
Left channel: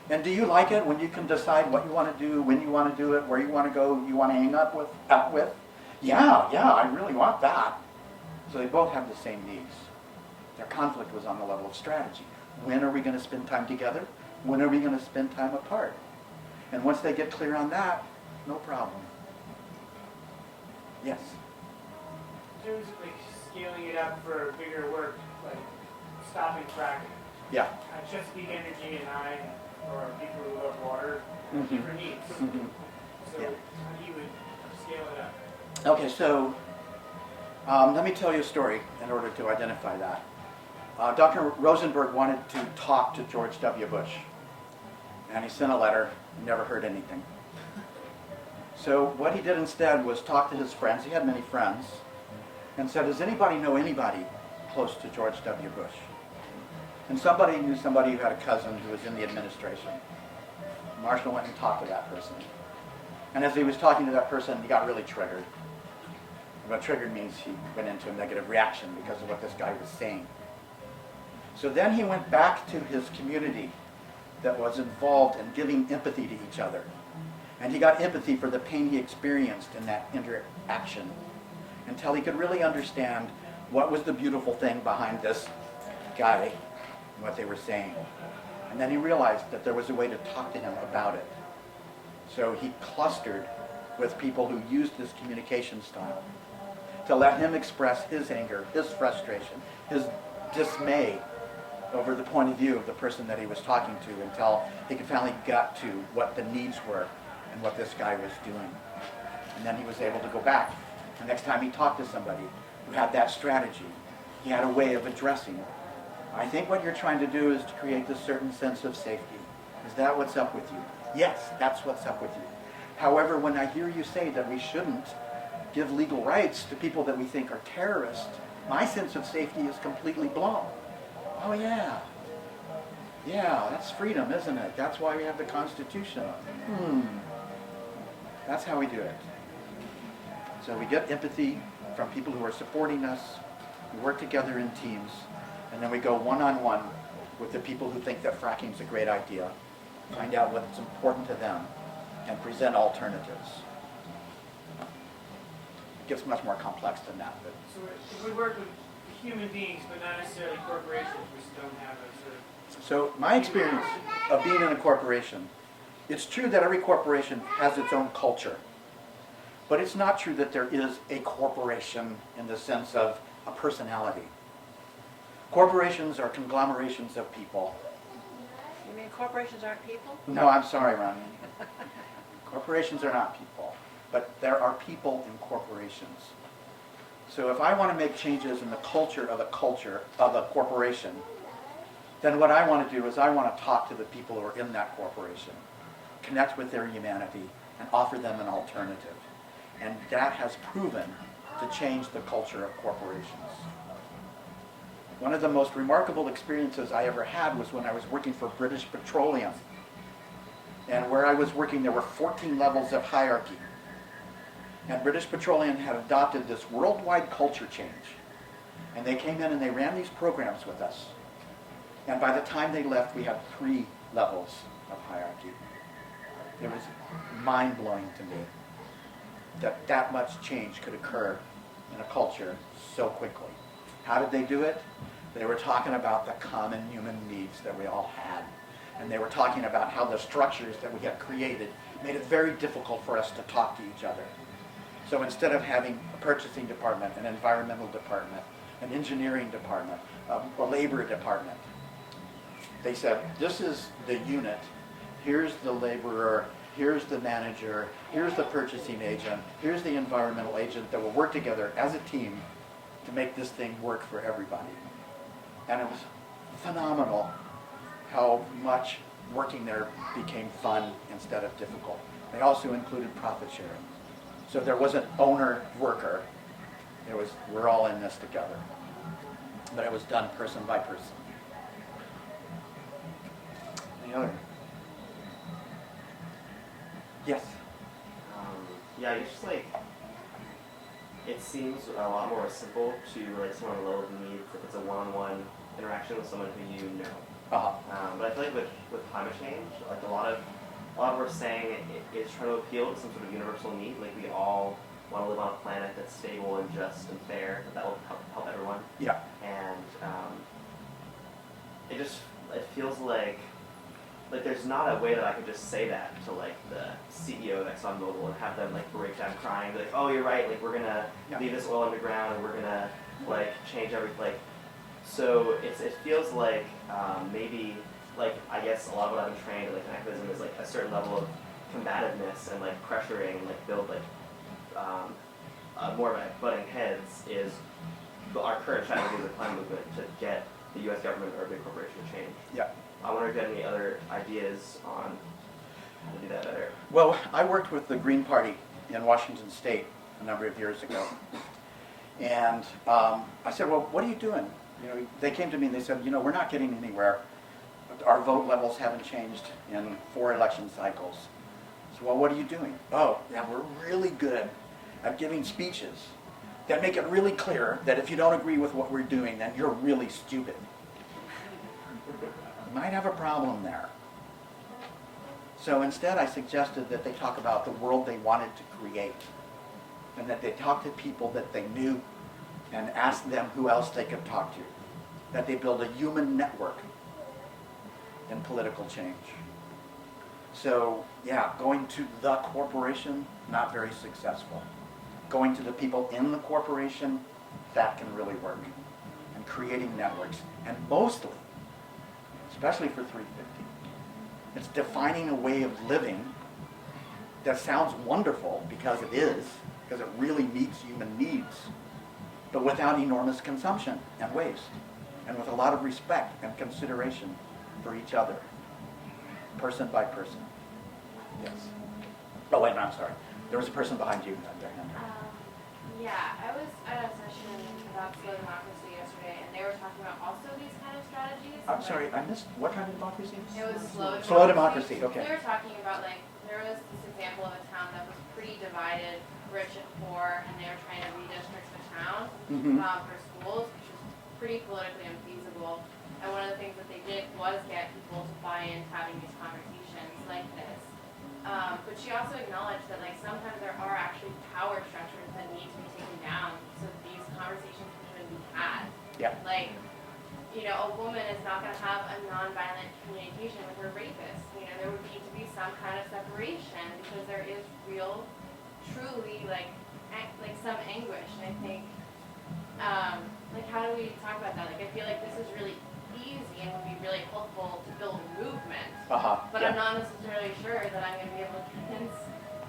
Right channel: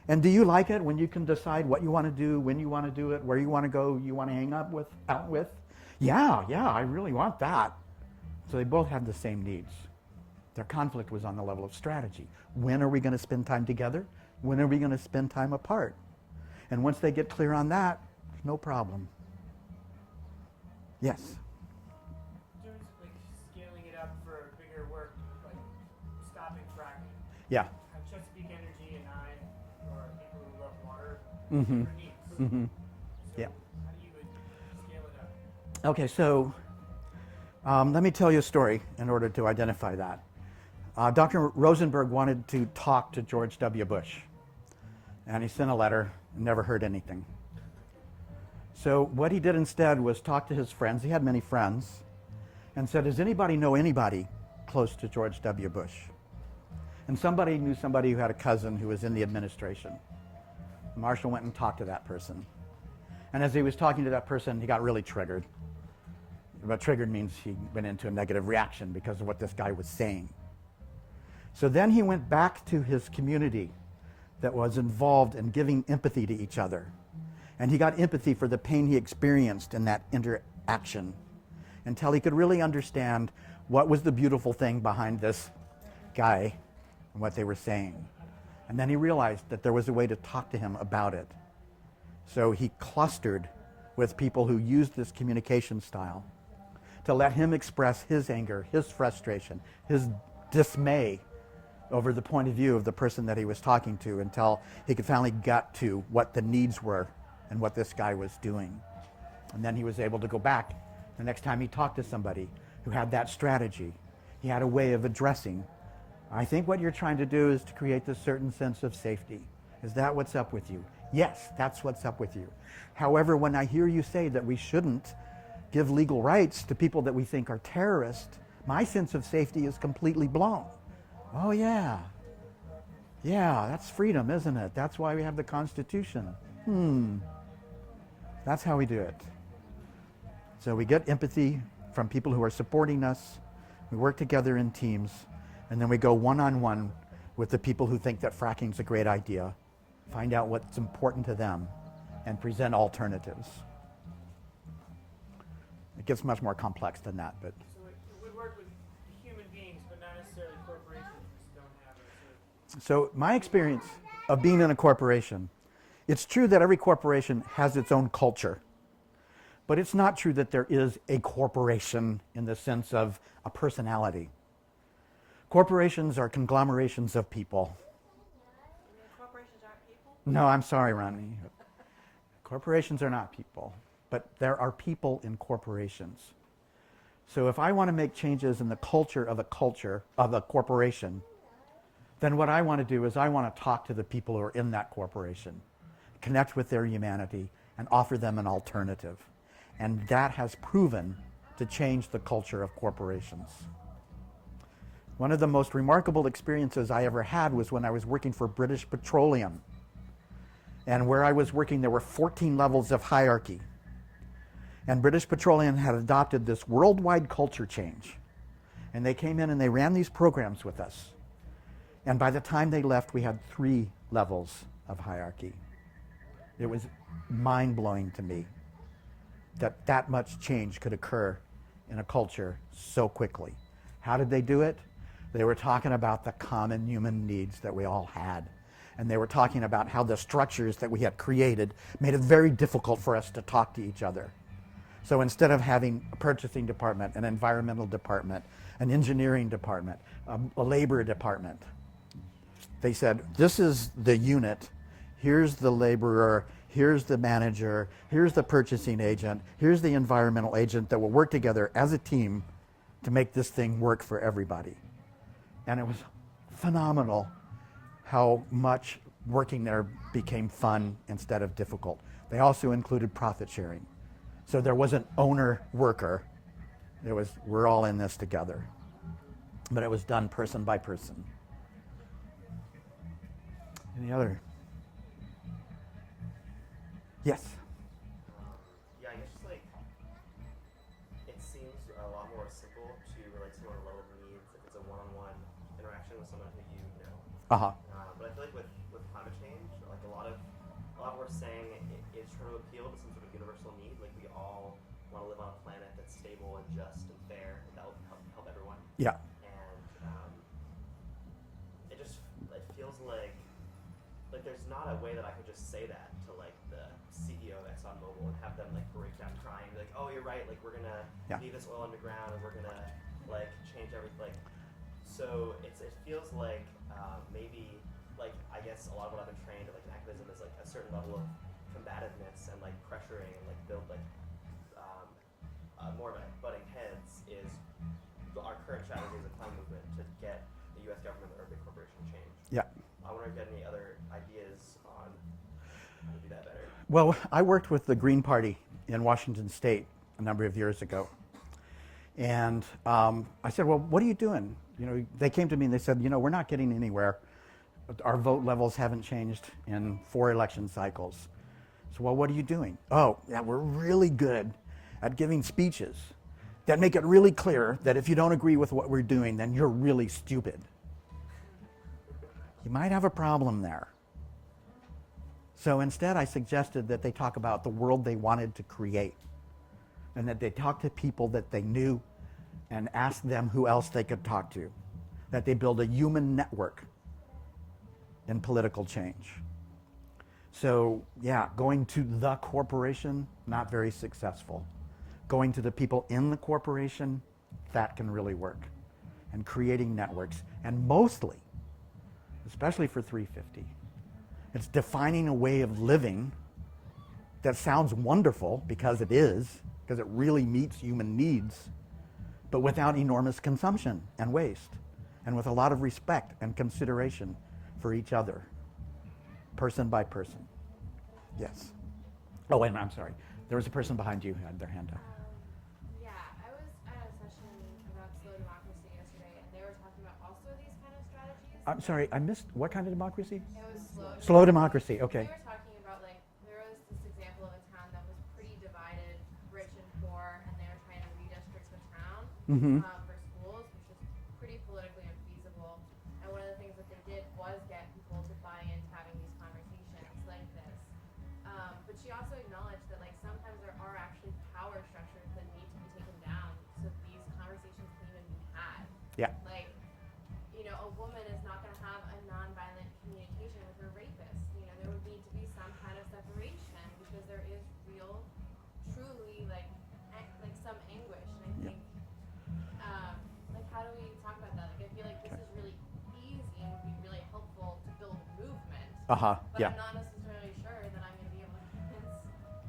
And do you like it when you can decide what you want to do, when you want to do it, where you want to go, who you want to hang out with? Yeah, I really want that. So they both have the same needs. Their conflict was on the level of strategy. When are we going to spend time together? When are we going to spend time apart? And once they get clear on that, no problem. Yes? In terms of like scaling it up for bigger work, like stopping fracking. Yeah. Chesapeake Energy and I, or people who love water, Mhm. have different needs. Mhm. So Yeah. how do you would scale it up? Okay, so let me tell you a story in order to identify that. Dr. Rosenberg wanted to talk to George W. Bush, and he sent a letter, never heard anything. So what he did instead was talk to his friends, he had many friends, and said, does anybody know anybody close to George W. Bush? And somebody knew somebody who had a cousin who was in the administration. Marshall went and talked to that person. And as he was talking to that person, he got really triggered. And what triggered means he went into a negative reaction because of what this guy was saying. So then he went back to his community that was involved in giving empathy to each other. And he got empathy for the pain he experienced in that interaction until he could really understand what was the beautiful thing behind this guy and what they were saying. And then he realized that there was a way to talk to him about it. So he clustered with people who used this communication style to let him express his anger, his frustration, his dismay over the point of view of the person that he was talking to until he could finally gut to what the needs were and what this guy was doing. And then he was able to go back. The next time he talked to somebody who had that strategy, he had a way of addressing. I think what you're trying to do is to create this certain sense of safety. Is that what's up with you? Yes, that's what's up with you. However, when I hear you say that we shouldn't give legal rights to people that we think are terrorists, my sense of safety is completely blown. Oh yeah. Yeah, that's freedom, isn't it? That's why we have the Constitution. That's how we do it. So we get empathy from people who are supporting us. We work together in teams. And then we go one-on-one with the people who think that fracking is a great idea. Find out what's important to them and present alternatives. It gets much more complex than that. But So if we work with human beings, but not necessarily corporations, we just don't have a sort of... so my experience of being in a corporation, it's true that every corporation has its own culture. But it's not true that there is a corporation in the sense of a personality. Corporations are conglomerations of people. You mean corporations aren't people? No, I'm sorry, Ronnie. Corporations are not people, but there are people in corporations. So if I want to make changes in the culture of a corporation, then what I want to do is I want to talk to the people who are in that corporation, connect with their humanity, and offer them an alternative. And that has proven to change the culture of corporations. One of the most remarkable experiences I ever had was when I was working for British Petroleum. And where I was working, there were 14 levels of hierarchy. And British Petroleum had adopted this worldwide culture change. And they came in and they ran these programs with us. And by the time they left, we had 3 levels of hierarchy. It was mind-blowing to me that that much change could occur in a culture so quickly. How did they do it? They were talking about the common human needs that we all had. And they were talking about how the structures that we had created made it very difficult for us to talk to each other. So instead of having a purchasing department, an environmental department, an engineering department, a labor department, they said, this is the unit, here's the laborer, here's the manager, here's the purchasing agent, here's the environmental agent that will work together as a team to make this thing work for everybody. And it was phenomenal how much working there became fun instead of difficult. They also included profit sharing. So there wasn't owner-worker. It was, we're all in this together. But it was done person by person. Any other? Yes? Yeah, it's just like, it seems a lot more simple to relate to someone on the level of needs if it's a one-on-one interaction with someone who you know. Uh-huh. But I feel like with climate change, like a lot of what we're saying is trying to appeal to some sort of universal need. Like we all want to live on a planet that's stable and just and fair, that will help everyone. Yeah. And it feels like there's not a way that I could just say that to like the CEO of ExxonMobil and have them like break down crying, be like, oh, you're right, like we're gonna leave this oil underground and we're gonna like change everything. Like, so it feels like maybe like I guess a lot of what I've been trained like in activism is like a certain level of combativeness and like pressuring, like build like more of a butting heads is our current strategy of the climate movement to get the U.S. government or a big corporation to change. Yeah. I wonder if you have any other ideas on how to do that better. Well, I worked with the Green Party in Washington State a number of years ago. And I said, well, what are you doing? You know, they came to me and they said, you know, we're not getting anywhere. Our vote levels haven't changed in 4 election cycles. So, well, what are you doing? Oh, yeah, we're really good at giving speeches that make it really clear that if you don't agree with what we're doing, then you're really stupid. You might have a problem there. So instead, I suggested that they talk about the world they wanted to create, and that they talk to people that they knew and ask them who else they could talk to, that they build a human network in political change. So yeah, going to the corporation, not very successful. Going to the people in the corporation, that can really work. And creating networks. And mostly, especially for 350. It's defining a way of living that sounds wonderful because it is, because it really meets human needs, but without enormous consumption and waste, and with a lot of respect and consideration for each other, person by person. Yes. Oh, wait, I'm sorry. There was a person behind you who had their hand up. Yeah, I was at a session about slow democracy yesterday, and they were talking about also these kind of strategies. I'm sorry, I missed, what kind of democracy? It was slow democracy. Slow democracy, okay. They were talking about, like, there was this example of a town that was pretty divided, rich and poor, and they were trying to redistrict the town Mm-hmm. for schools, which was pretty politically unfeasible. And one of the things that they did was get people to buy into having these conversations like this. But she also acknowledged that, like, sometimes there are actually power structures that need to be taken down so that these conversations can even be had. Yeah. Like, you know, a woman is not going to have a nonviolent communication with her rapist. You know, there would need to be some kind of separation because there is real, truly, like some anguish. And I think, like, how do we talk about that? Like, I feel like this is really easy and would be really helpful to build a movement. But Yeah. I'm not necessarily sure that I'm going to be able to convince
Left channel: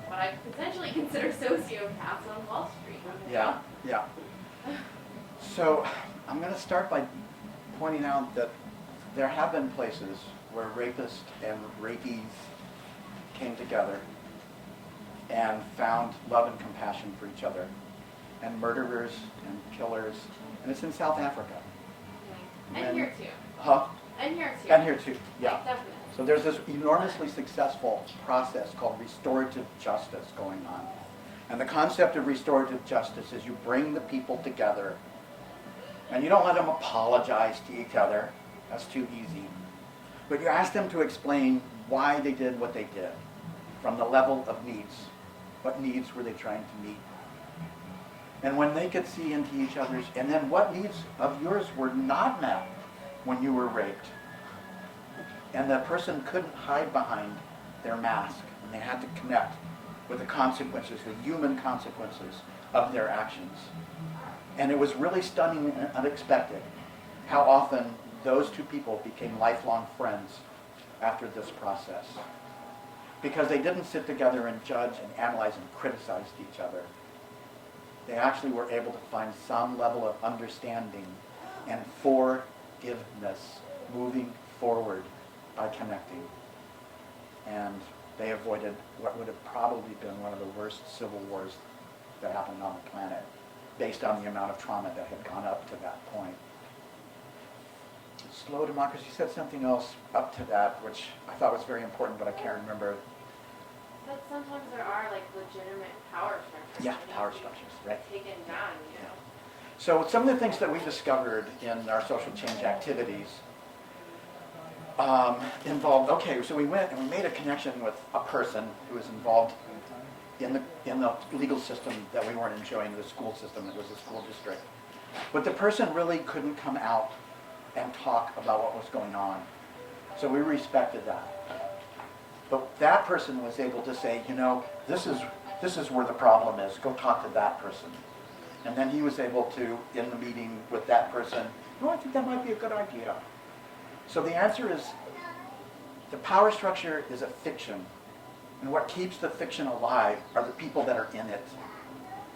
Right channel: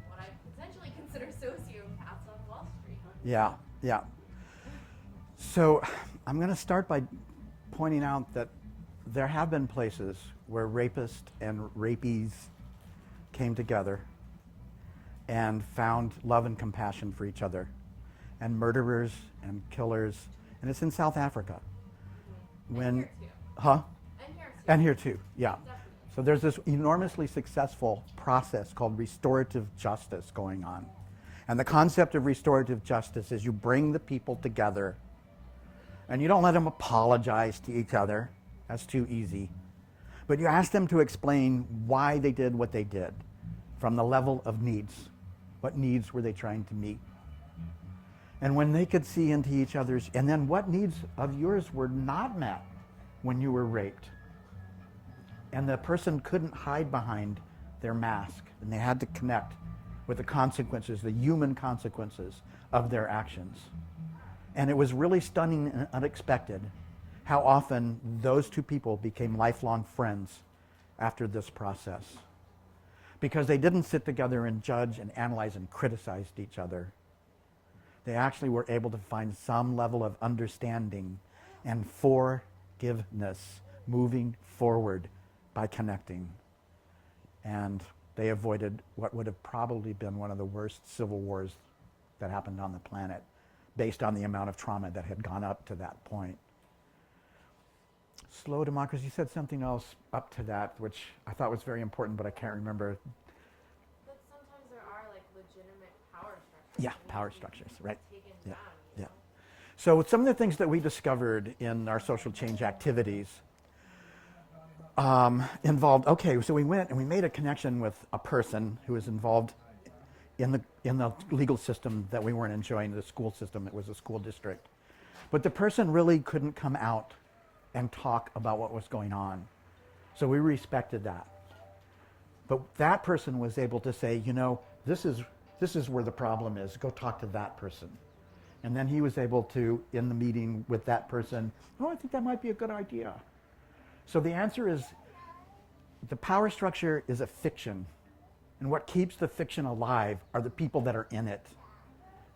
what I potentially consider sociopaths on Wall Street. Yeah, yeah. So I'm going to start by pointing out that there have been places where rapists and rapees came together and found love and compassion for each other, and murderers and killers, and it's in South Africa. And When- here too. Huh? And here too. And here too, yeah. Definitely. So there's this enormously successful process called restorative justice going on. And the concept of restorative justice is you bring the people together and you don't let them apologize to each other. That's too easy. But you ask them to explain why they did what they did from the level of needs. What needs were they trying to meet? And when they could see into each other's, and then what needs of yours were not met when you were raped. And the person couldn't hide behind their mask, and they had to connect with the consequences, the human consequences of their actions. And it was really stunning and unexpected how often those two people became lifelong friends after this process. Because they didn't sit together and judge and analyze and criticize each other. They actually were able to find some level of understanding and forgiveness moving forward by connecting. And they avoided what would have probably been one of the worst civil wars that happened on the planet, based on the amount of trauma that had gone up to that point. Slow democracy said something else up to that, which I thought was very important, but I can't remember. But sometimes there are, like, legitimate power structures. Yeah, that need power to be structures, right. Taken down, you know. So some of the things that we discovered in our social change activities involved, okay, so we went and we made a connection with a person who was involved in the legal system that we weren't enjoying, the school system. It was a school district. But the person really couldn't come out and talk about what was going on. So we respected that. But that person was able to say, you know, this is where the problem is. Go talk to that person. And then he was able to, in the meeting with that person, I think that might be a good idea. So the answer is, the power structure is a fiction. And what keeps the fiction alive are the people that are in it.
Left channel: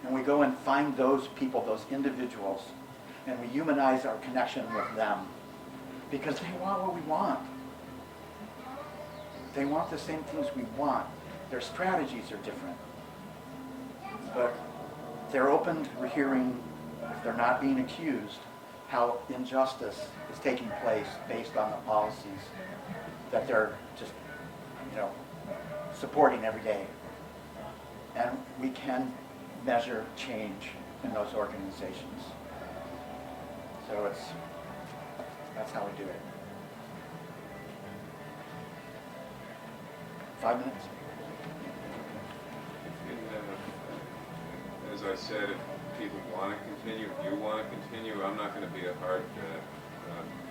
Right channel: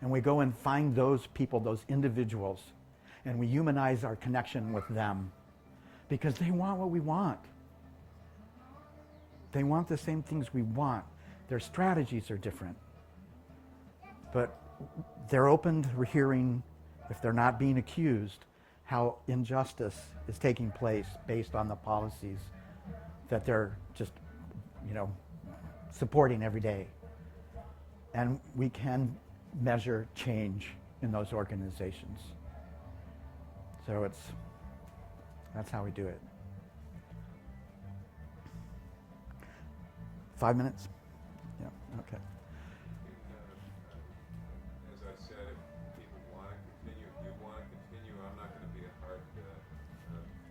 And we go and find those people, those individuals, and we humanize our connection with them. Because they want what we want. They want the same things we want. Their strategies are different. But they're open to hearing, if they're not being accused, how injustice is taking place based on the policies that they're just, you know, supporting every day. And we can measure change in those organizations. So that's how we do it. 5 minutes? Okay. As I said, if people want to continue, if you want to continue, I'm not going to be a hard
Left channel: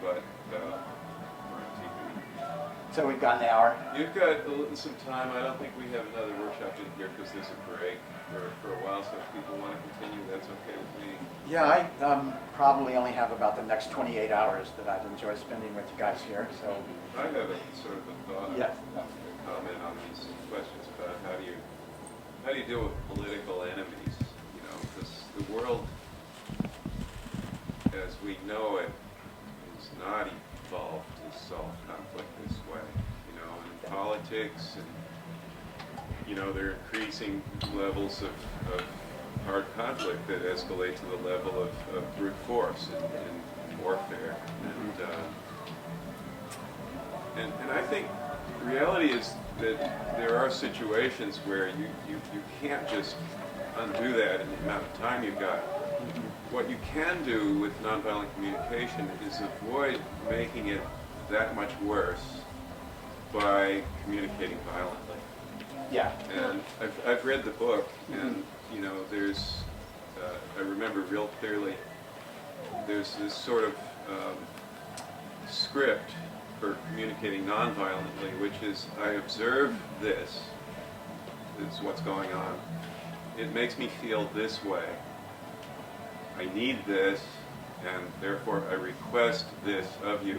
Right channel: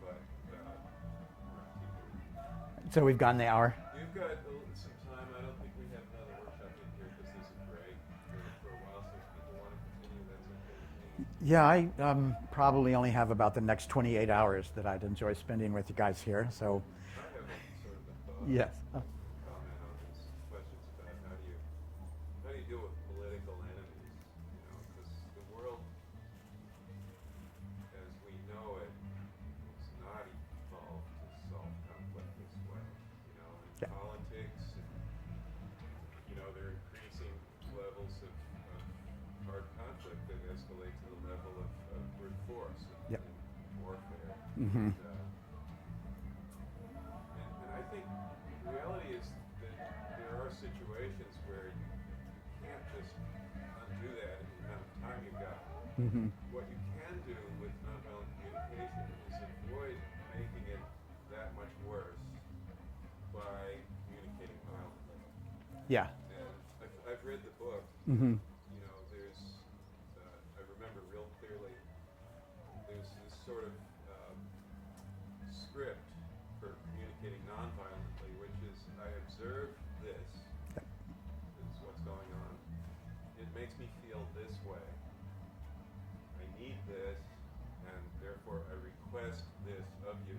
but for TV. So we've got an hour. You've got some time. I don't think we have another workshop in here because there's a break for a while. So if people want to continue, that's okay with me. Yeah, I probably only have about the next 28 hours that I'd enjoy spending with you guys here. So, I have a sort of a thought, yes. a comment on these questions about how do you deal with political enemies? You know, because the world, as we know it, is not evolved to solve conflict this way. You know, in politics, and you know, there are increasing levels of hard conflict that escalate to the level of brute force in warfare. And I think the reality is that there are situations where you can't just undo that in the amount of time you've got. What you can do with nonviolent communication is avoid making it that much worse by communicating violently. Yeah. And I've read the book, and you know, there's I remember real clearly. There's this sort of script for communicating nonviolently, which is I observe this is what's going on. It makes me feel this way. I need this, and therefore I request this of you.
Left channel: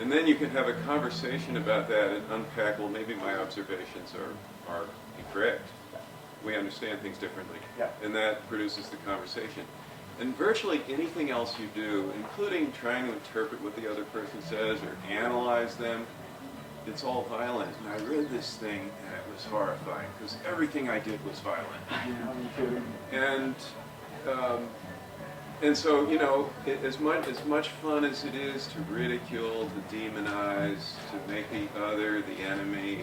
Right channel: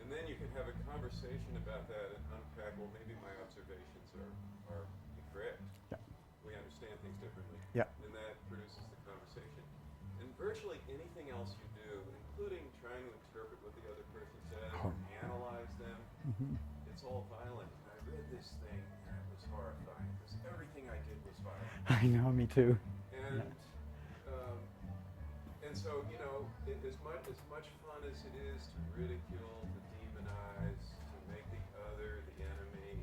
And then you can have a conversation about that and unpack, well, maybe my observations are incorrect. We understand things differently. Yeah. And that produces the conversation. And virtually anything else you do, including trying to interpret what the other person says or analyze them, it's all violent. And I read this thing and it was horrifying because everything I did was violent. I know, me too. And so, you know, as much fun as it is to ridicule, to demonize, to make the other the enemy,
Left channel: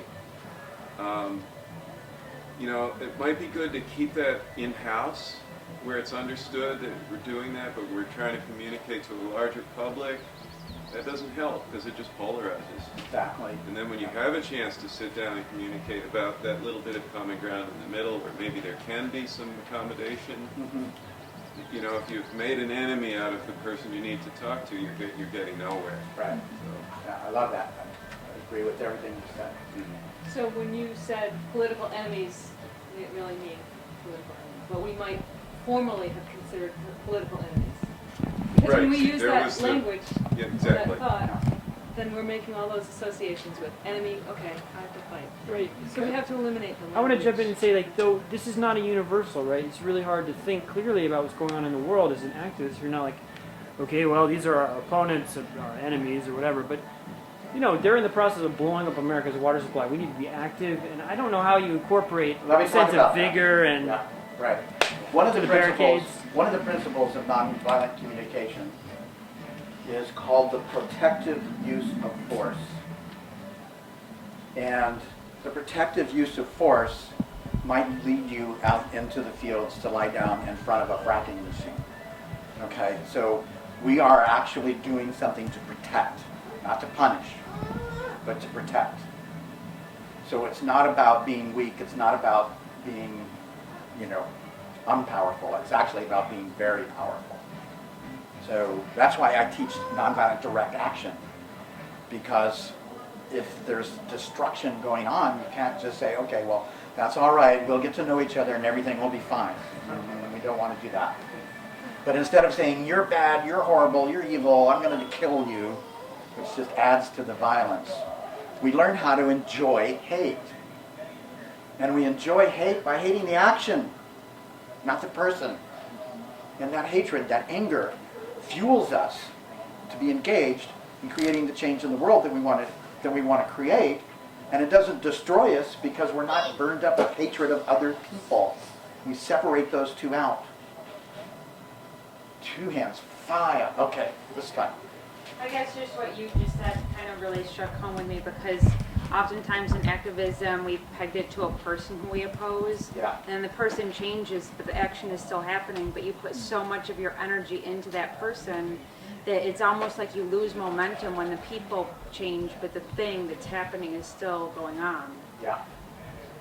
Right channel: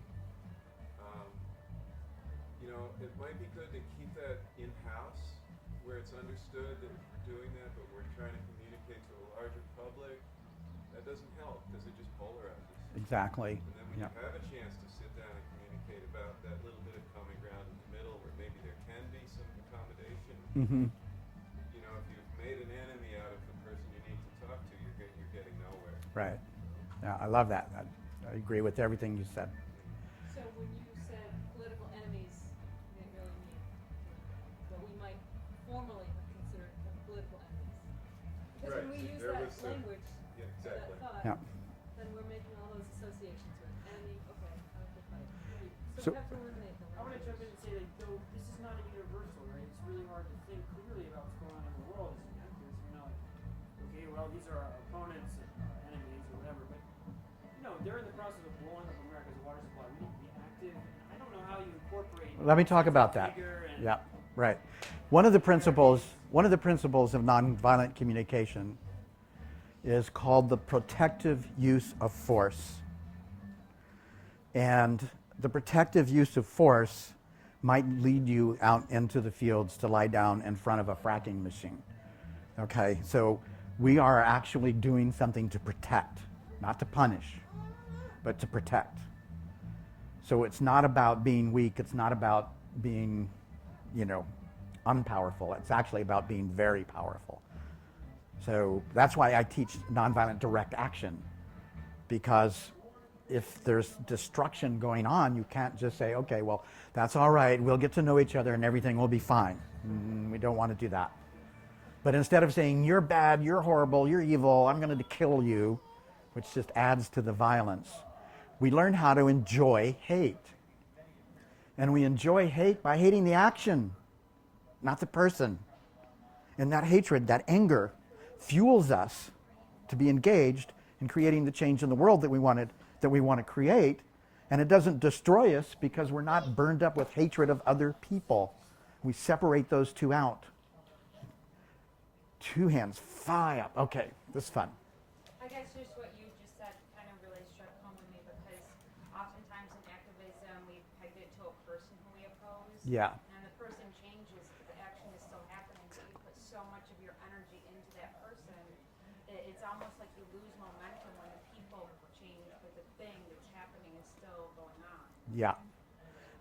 you know, it might be good to keep that in-house where it's understood that we're doing that, but we're trying to communicate to a larger public. That doesn't help because it just polarizes. Exactly. And then when you have a chance to sit down and communicate about that little bit of common ground in the middle, where maybe there can be some accommodation, you know, if you've made an enemy out of the person you need to talk to, you're getting nowhere. Right. So, Yeah, I love that. I agree with everything you said. So when you said political enemies, we didn't really mean political enemies, but we might formally have considered political enemies. Because when we Right, use there that was the- language, Yeah, or exactly. that thought, then we're making all those associations with enemy, okay, I have to fight. Right. So we have to eliminate the language. I want to jump in and say, like, though this is not a universal, right? It's really hard to think clearly about what's going on in the world as an activist. You're not like, okay, well, these are our opponents, our enemies, or whatever. But, you know, they're in the process of blowing up America's water supply. We need to be active, and I don't know how you incorporate Let me a talk sense about of that. vigor and Yeah, right. One of the The principles barricades. of nonviolent communication is called the protective use of force. And the protective use of force might lead you out into the fields to lie down in front of a fracking machine. Okay, so we are actually doing something to protect, not to punish, but to protect. So it's not about being weak, it's not about being, you know, unpowerful. It's actually about being very powerful. So that's why I teach nonviolent direct action, because if there's destruction going on, you can't just say, okay, well, that's all right, we'll get to know each other and everything will be fine. And we don't want to do that. But instead of saying, you're bad, you're horrible, you're evil, I'm going to kill you, which just adds to the violence, we learn how to enjoy hate. And we enjoy hate by hating the action, not the person. And that hatred, that anger, fuels us to be engaged in creating the change in the world that we want to create. And it doesn't destroy us because we're not burned up with hatred of other people. We separate those two out. Two hands, fire. Okay, this time. I guess just what you just said kind of really struck home with me, because oftentimes in activism we've pegged it to a person who we oppose. Yeah. And the person changes, but the action is still happening, but you put so much of your energy into that person that it's almost like you lose momentum when the people change, but the thing that's happening is still going on. Yeah.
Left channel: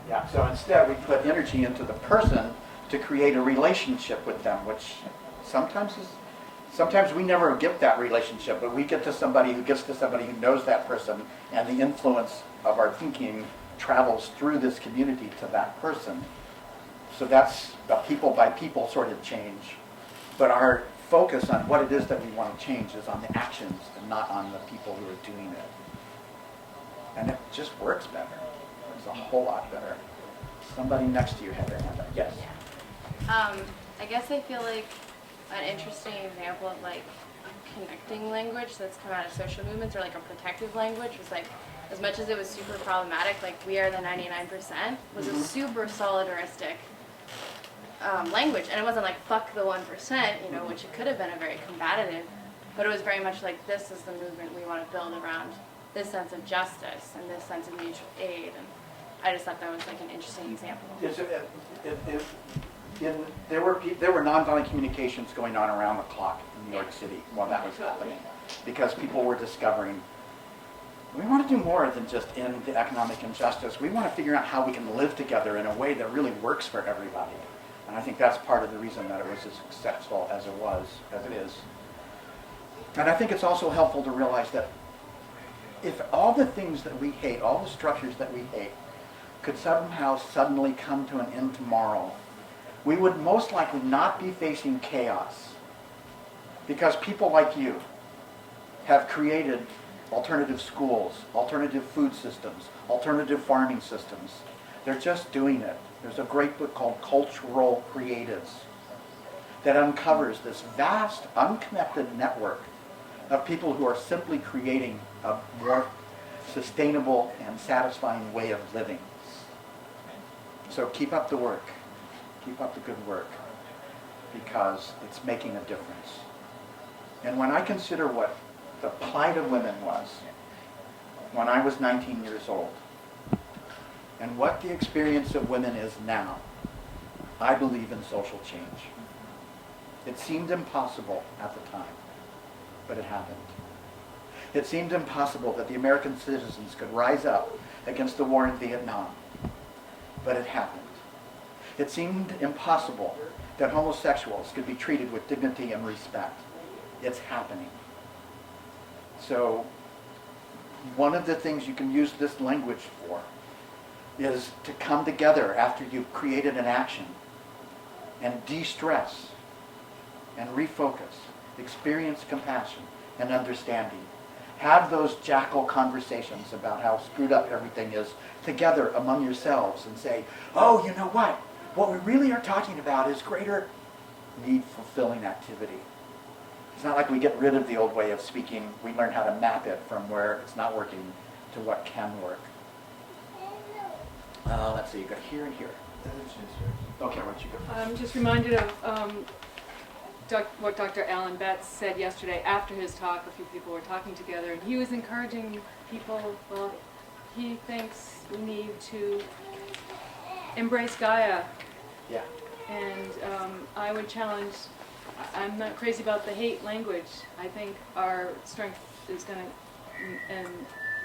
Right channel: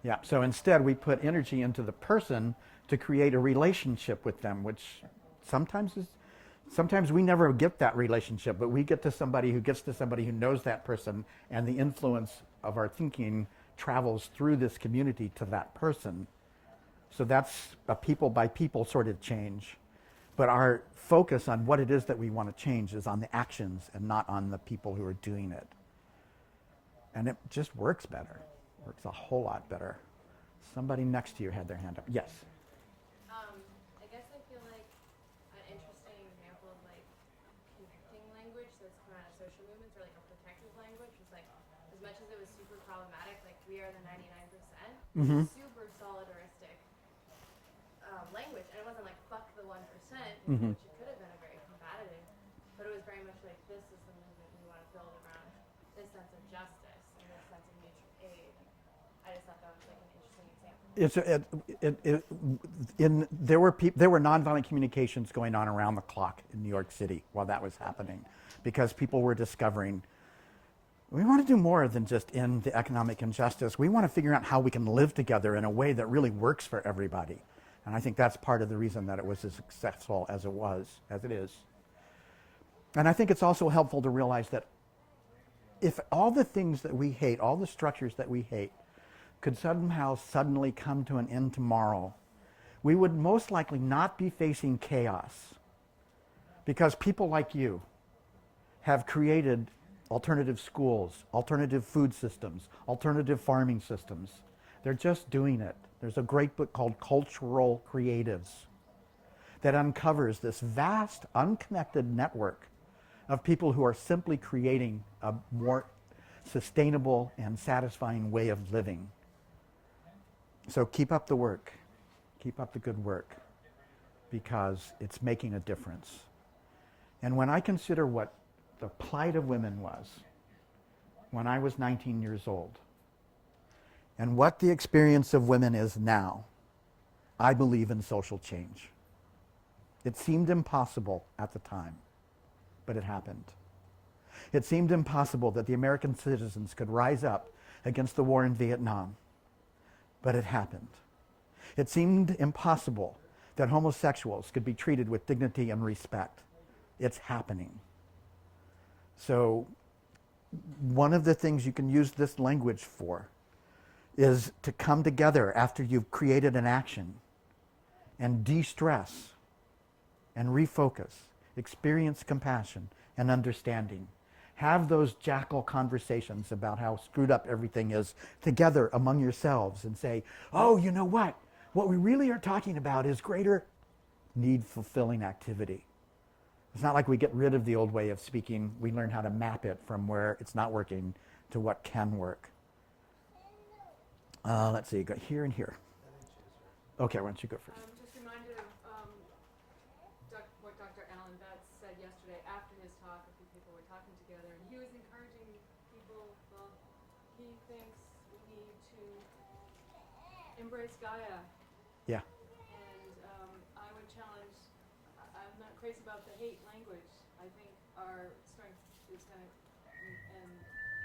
Yeah. So instead, we put energy into the person to create a relationship with them, which sometimes we never get that relationship, but we get to somebody who gets to somebody who knows that person, and the influence of our thinking travels through this community to that person. So that's a people by people sort of change. But our focus on what it is that we want to change is on the actions and not on the people who are doing it. And it just works better. It's a whole lot better. Somebody next to you had their hand up. Yes. I guess I feel like an interesting example of like connecting language that's come out of social movements, or like a protective language, was like, as much as it was super problematic, like "we are the 99% was a super solidaristic language, and it wasn't like "fuck the 1%," you know, which it could have been a very combative, but it was very much like, this is the movement we want to build around this sense of justice and this sense of mutual aid. And I just thought that was like an interesting example. There were nonviolent communications going on around the clock in New York City while that was happening, because people were discovering, we want to do more than just end the economic injustice. We want to figure out how we can live together in a way that really works for everybody. And I think that's part of the reason that it was as successful as it is. And I think it's also helpful to realize that if all the things that we hate, all the structures that we hate, could somehow suddenly come to an end tomorrow, we would most likely not be facing chaos, because people like you have created alternative schools, alternative food systems, alternative farming systems. They're just doing it. There's a great book called Cultural Creatives that uncovers this vast, unconnected network of people who are simply creating a more sustainable and satisfying way of living. So keep up the work. Keep up the good work, because it's making a difference. And when I consider what the plight of women was when I was 19 years old, and what the experience of women is now, I believe in social change. It seemed impossible at the time, but it happened. It seemed impossible that the American citizens could rise up against the war in Vietnam, but it happened. It seemed impossible that homosexuals could be treated with dignity and respect. It's happening. So one of the things you can use this language for is to come together after you've created an action and de-stress and refocus, experience compassion and understanding. Have those jackal conversations about how screwed up everything is together among yourselves, and say, oh, you know what? What we really are talking about is greater need-fulfilling activity. It's not like we get rid of the old way of speaking. We learn how to map it from where it's not working to what can work. Let's see, you got here and here. Okay, why don't you go first? I'm just reminded of what Dr. Alan Betts said yesterday after his talk. A few people were talking together, and he was encouraging people. Well, he thinks we need to embrace Gaia. Yeah. And I would challenge, I'm not crazy about the hate language. I think our strength is going to, and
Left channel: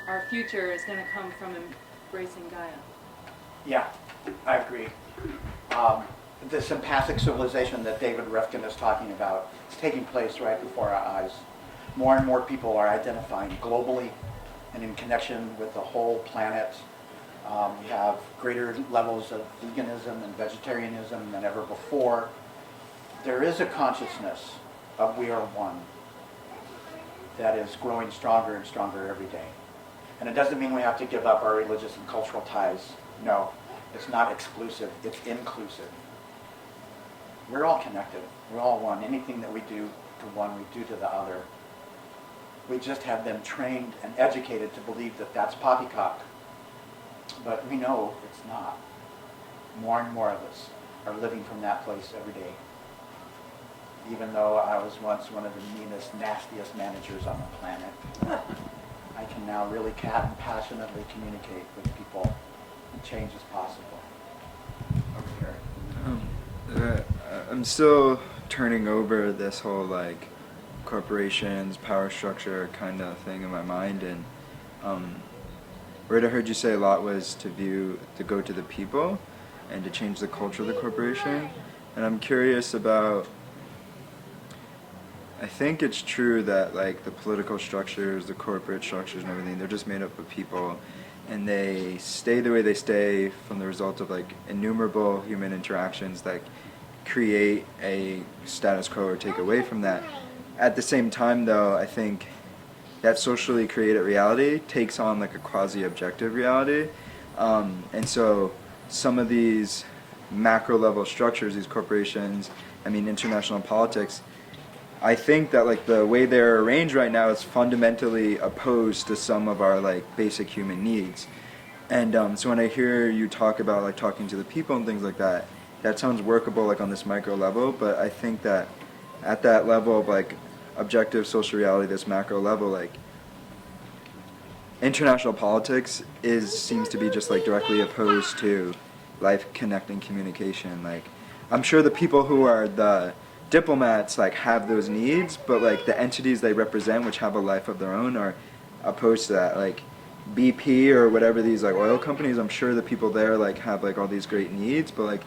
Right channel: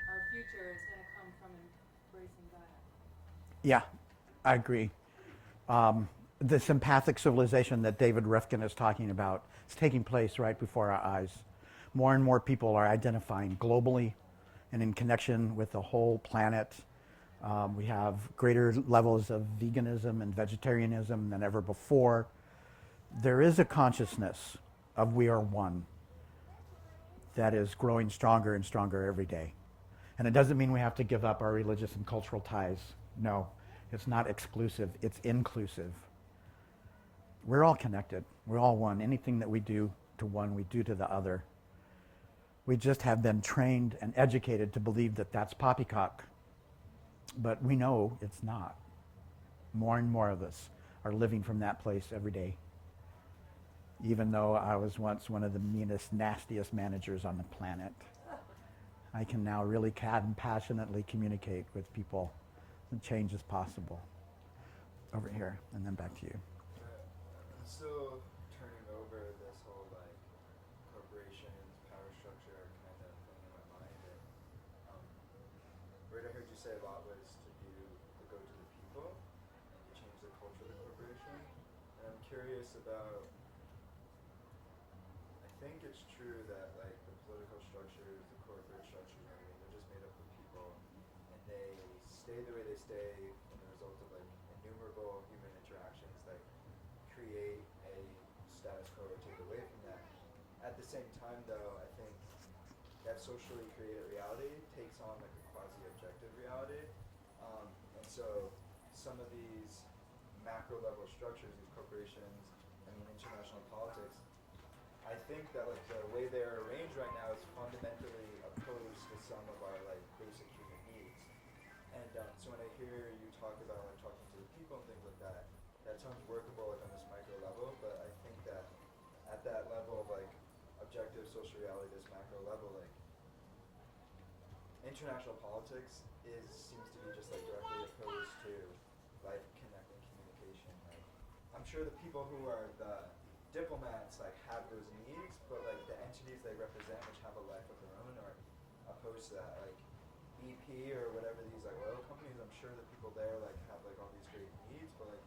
our future is going to come from embracing Gaia. Yeah, I agree. This empathic civilization that David Rifkin is talking about is taking place right before our eyes. More and more people are identifying globally and in connection with the whole planet. We have greater levels of veganism and vegetarianism than ever before. There is a consciousness of we are one that is growing stronger and stronger every day. And it doesn't mean we have to give up our religious and cultural ties. No, it's not exclusive, it's inclusive. We're all connected. We're all one. Anything that we do to one, we do to the other. We just have been trained and educated to believe that that's poppycock. But we know it's not. More and more of us are living from that place every day. Even though I was once one of the meanest, nastiest managers on the planet, I can now really passionately communicate with people, and change is possible. Over here. I'm still turning over this whole like corporations, power structure kind of thing in my mind, and what I heard you say a lot was to go to the people and to change the culture of the corporation. And I'm curious about, I think it's true that like the political structures, the corporate structures and everything, they're just made up of people, and they stay the way they stay from the result of like innumerable human interactions that create a status quo or take away from that. At the same time, though, I think that socially created reality takes on like a quasi-objective reality. And so some of these macro level structures, these corporations, I mean international politics, I think that like the way they're arranged right now is fundamentally opposed to some of our like basic human needs. And so when I hear you talk about like talking to the people and things like that, that sounds workable like on this micro level, but I think that at that level of like objective social reality, this macro level, like international politics seems to be just like directly opposed to life connecting communication. Like I'm sure the people who are the diplomats like have those needs, but like the entities they represent, which have a life of their own, are opposed to that. Like BP or whatever these like oil companies, I'm sure the people there like have like all these great needs, but like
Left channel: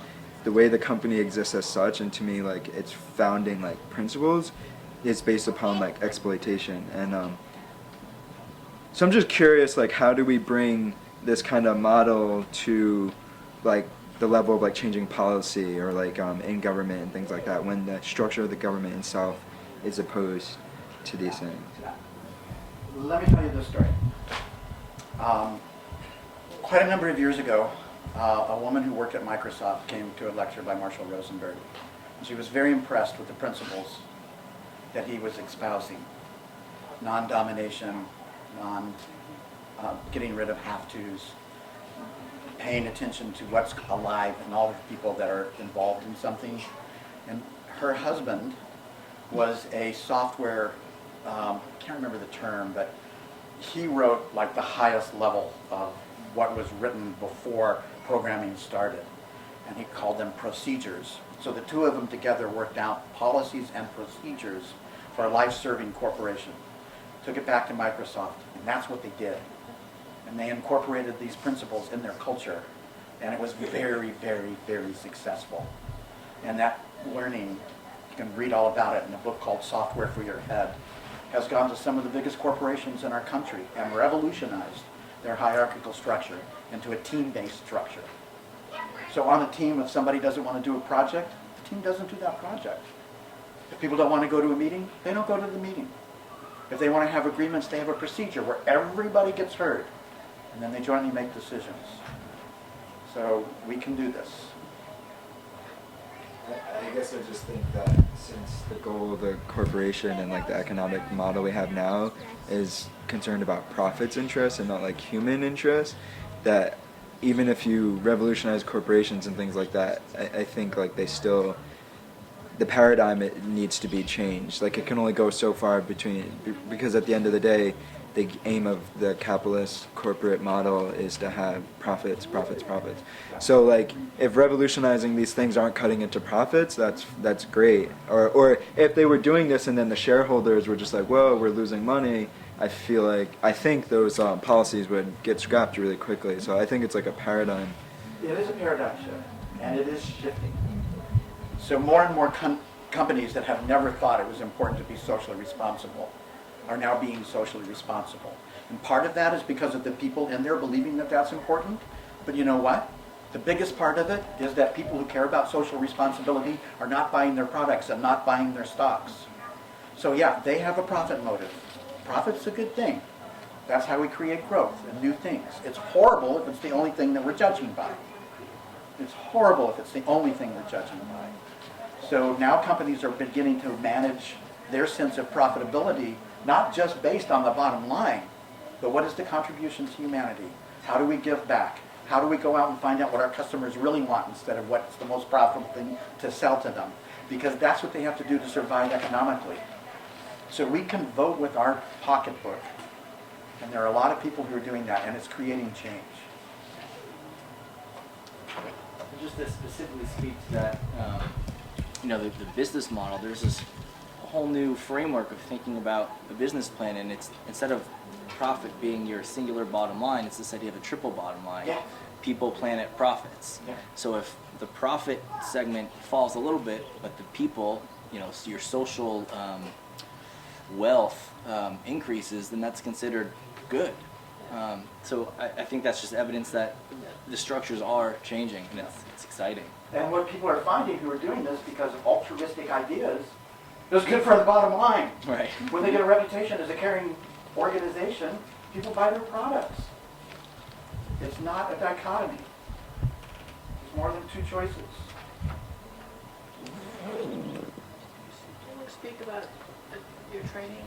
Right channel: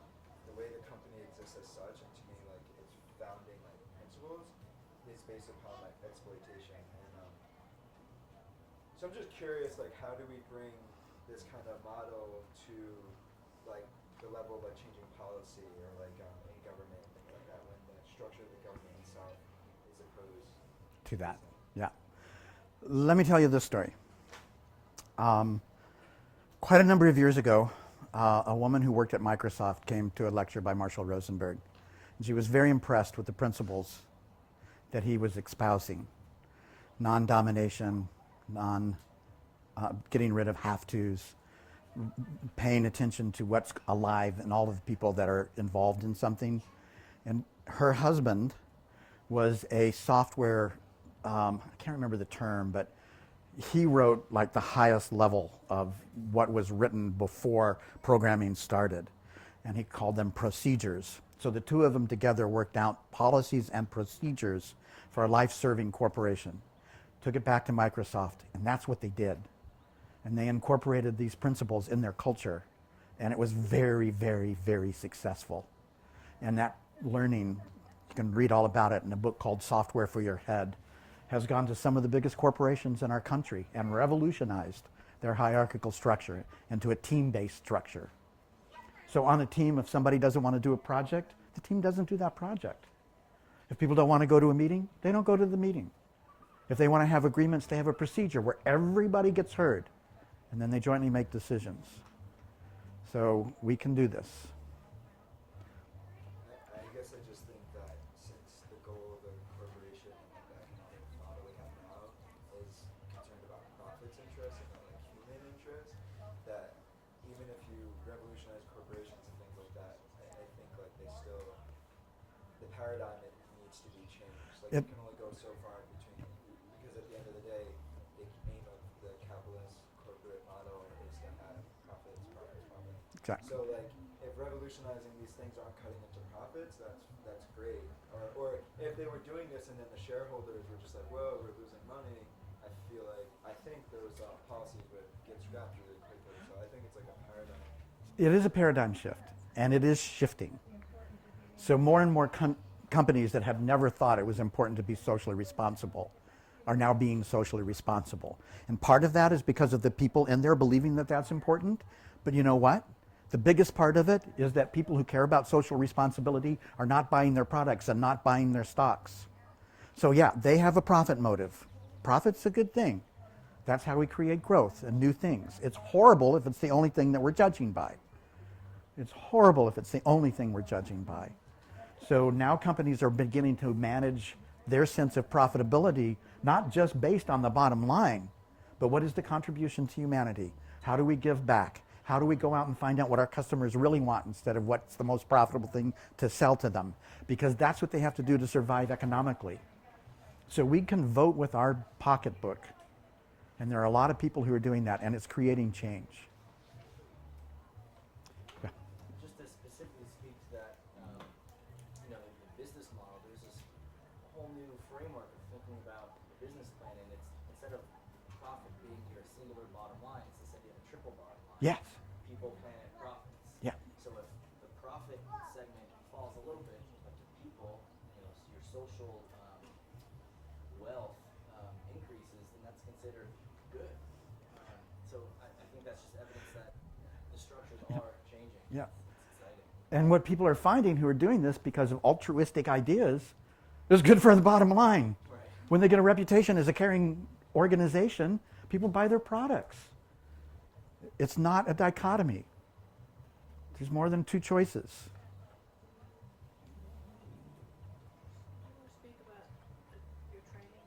the way the company exists as such, and to me like its founding like principles is based upon like exploitation. And so I'm just curious, like how do we bring this kind of model to like the level of like changing policy or like in government and things like that, when the structure of the government itself is opposed to these things? Yeah. Let me tell you this story. Quite a number of years ago, a woman who worked at Microsoft came to a lecture by Marshall Rosenberg. And she was very impressed with the principles that he was espousing. Non-domination, getting rid of have-tos, paying attention to what's alive and all of the people that are involved in something. And her husband was a software, I can't remember the term, but he wrote like the highest level of what was written before programming started. And he called them procedures. So the two of them together worked out policies and procedures for a life-serving corporation. Took it back to Microsoft, and that's what they did. And they incorporated these principles in their culture, and it was very, very, very successful. And that learning, you can read all about it in a book called Software for Your Head, has gone to some of the biggest corporations in our country and revolutionized their hierarchical structure into a team-based structure. So on a team, if somebody doesn't want to do a project, the team doesn't do that project. If people don't want to go to a meeting, they don't go to the meeting. If they want to have agreements, they have a procedure where everybody gets heard, and then they jointly make decisions. So we can do this. I guess I just think that since the goal of the corporation and like the economic model we have now is concerned about profits interests and not like human interests, that even if you revolutionize corporations and things like that, I think like they still, the paradigm, it needs to be changed. Like it can only go so far because at the end of the day, the aim of the capitalist corporate model is to have profits. So like if revolutionizing these things aren't cutting into profits, that's great. Or if they were doing this and then the shareholders were just like, whoa, we're losing money, I think those policies would get scrapped really quickly. So I think it's like a paradigm. It is a paradigm shift, and it is shifting. So more and more companies that have never thought it was important to be socially responsible are now being socially responsible. And part of that is because of the people in there believing that that's important. But you know what? The biggest part of it is that people who care about social responsibility are not buying their products and not buying their stocks. So yeah, they have a profit motive. Profit's a good thing. That's how we create growth and new things. It's horrible if it's the only thing that we're judging by. It's horrible if it's the only thing we're judging by. So now companies are beginning to manage their sense of profitability not just based on the bottom line, but what is the contribution to humanity? How do we give back? How do we go out and find out what our customers really want instead of what's the most profitable thing to sell to them? Because that's what they have to do to survive economically. So we can vote with our pocketbook. And there are a lot of people who are doing that, and it's creating change. Just to specifically speak to that, the business model, there's this whole new framework of thinking about a business plan, and it's instead of profit being your singular bottom line, it's this idea of a triple bottom line. Yeah. People, planet, profits. Yeah. So if the profit segment falls a little bit, but the people, your social wealth increases, then that's considered good. So I think that's just evidence that the structures are changing. And it's it's exciting. And what people are finding who are doing this because of altruistic ideas is good for the bottom line. Right. When they get a reputation as a caring organization, people buy their products. It's not a dichotomy. There's more than two choices. Can you speak about your training?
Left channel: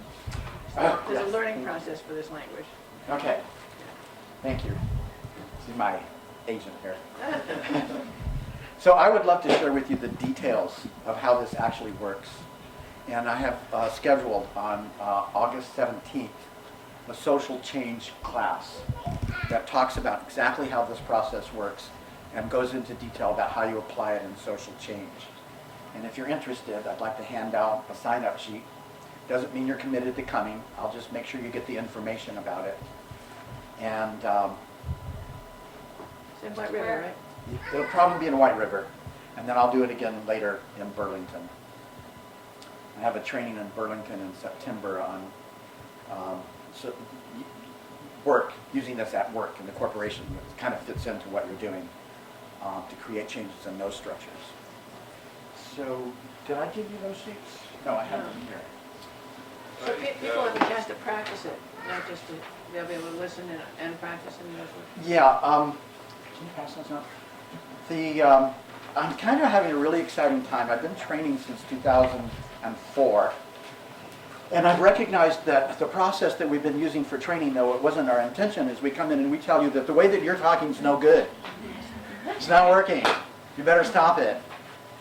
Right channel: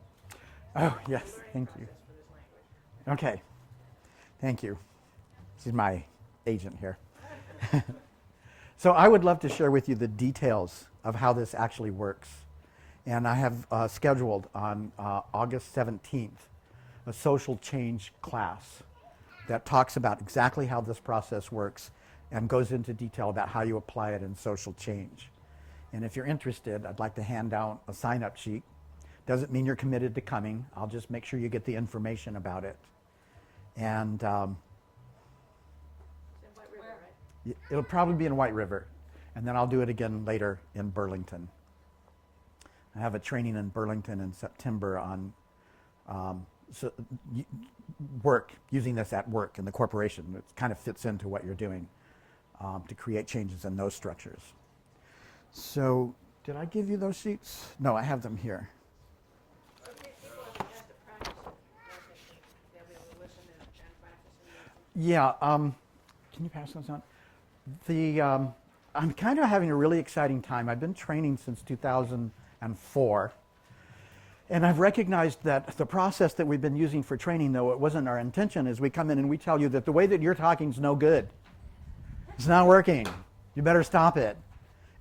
Oh, There's yes. a learning process for this language. Okay. Thank you. This is my agent here. So I would love to share with you the details of how this actually works. And I have scheduled on August 17th a social change class that talks about exactly how this process works and goes into detail about how you apply it in social change. And if you're interested, I'd like to hand out a sign-up sheet. Doesn't mean you're committed to coming. I'll just make sure you get the information about it. And It's in White River, right? it'll probably be in White River. And then I'll do it again later in Burlington. I have a training in Burlington in September on work, using this at work in the corporation. It kind of fits into what you're doing to create changes in those structures. So, did I give you those sheets? No, I have them here. So people have a chance to practice it, not just to, they'll be able to listen and practice and those words. Yeah, can you pass those out? I'm kind of having a really exciting time. I've been training since 2004. And I've recognized that the process that we've been using for training, though it wasn't our intention, is we come in and we tell you that the way that you're talking is no good. It's not working. You better stop it.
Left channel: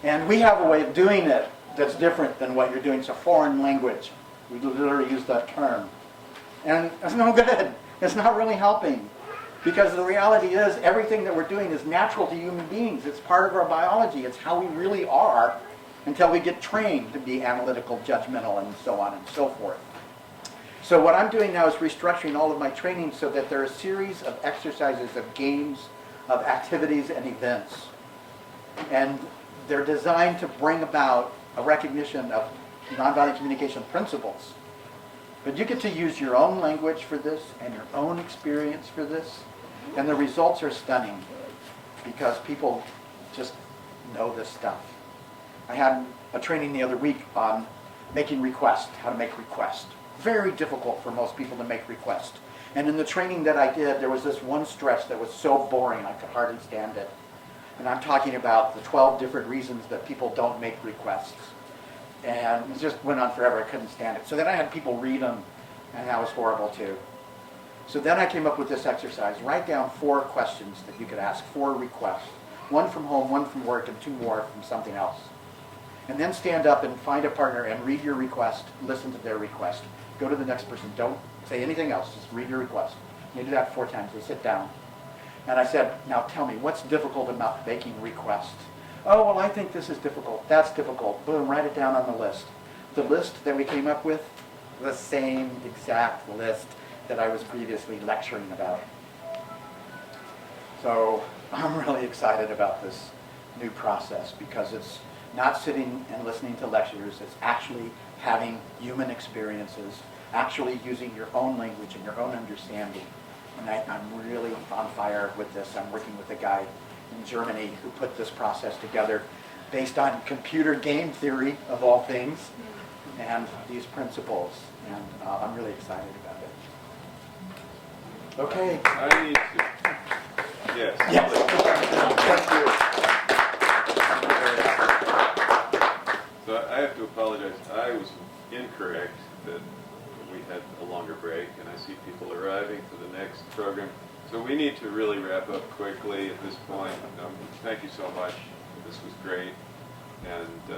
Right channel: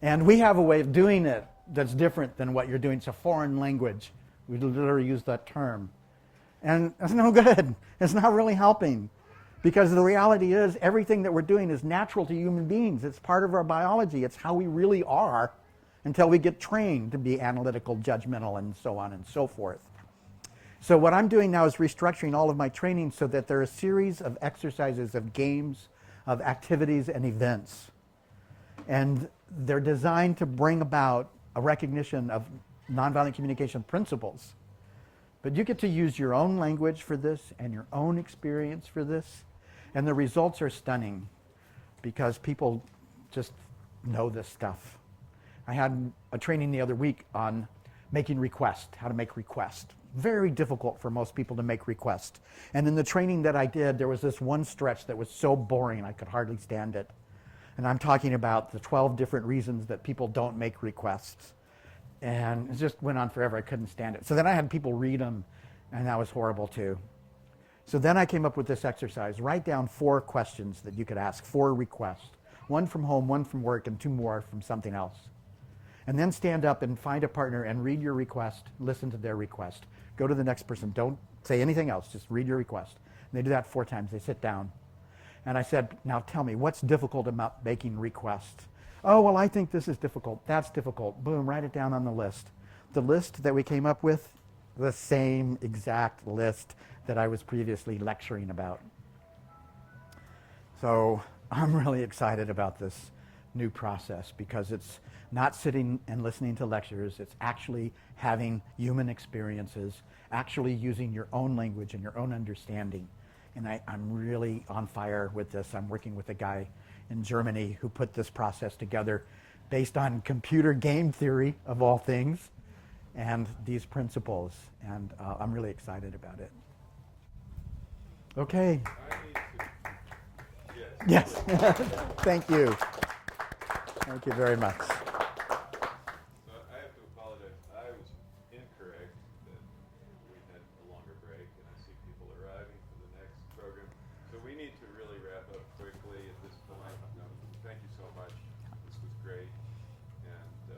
And we have a way of doing it that's different than what you're doing. It's a foreign language. We literally use that term. And it's no good. It's not really helping. Because the reality is, everything that we're doing is natural to human beings. It's part of our biology. It's how we really are until we get trained to be analytical, judgmental, and so on and so forth. So what I'm doing now is restructuring all of my training so that there are a series of exercises, of games, of activities, and events. And they're designed to bring about a recognition of nonviolent communication principles. But you get to use your own language for this and your own experience for this. And the results are stunning because people just know this stuff. I had a training the other week on making requests, how to make requests. Very difficult for most people to make requests. And in the training that I did, there was this one stretch that was so boring I could hardly stand it. And I'm talking about the 12 different reasons that people don't make requests. And it just went on forever. I couldn't stand it. So then I had people read them, and that was horrible too. So then I came up with this exercise. Write down 4 questions that you could ask, 4 requests. 1 from home, 1 from work, and 2 more from something else. And then stand up and find a partner and read your request, listen to their request. Go to the next person. Don't say anything else. Just read your request. And they do that 4 times. They sit down. And I said, now tell me, what's difficult about making requests? Oh, well, I think this is difficult. That's difficult. Boom, write it down on the list. The list that we came up with, the same exact list that I was previously lecturing about. So I'm really excited about this new process because it's not sitting and listening to lectures. It's actually having human experiences, actually using your own language and your own understanding. And I'm really on fire with this. I'm working with a guy in Germany who put this process together based on computer game theory, of all things, and these principles. And I'm really excited about it. Okay. I need to, yes. Yes. Thank you. Thank you very much. So I have to apologize. I was incorrect that we had a longer break, and I see people arriving for the next program. So we need to really wrap up quickly at this point. Thank you so much. This was great. And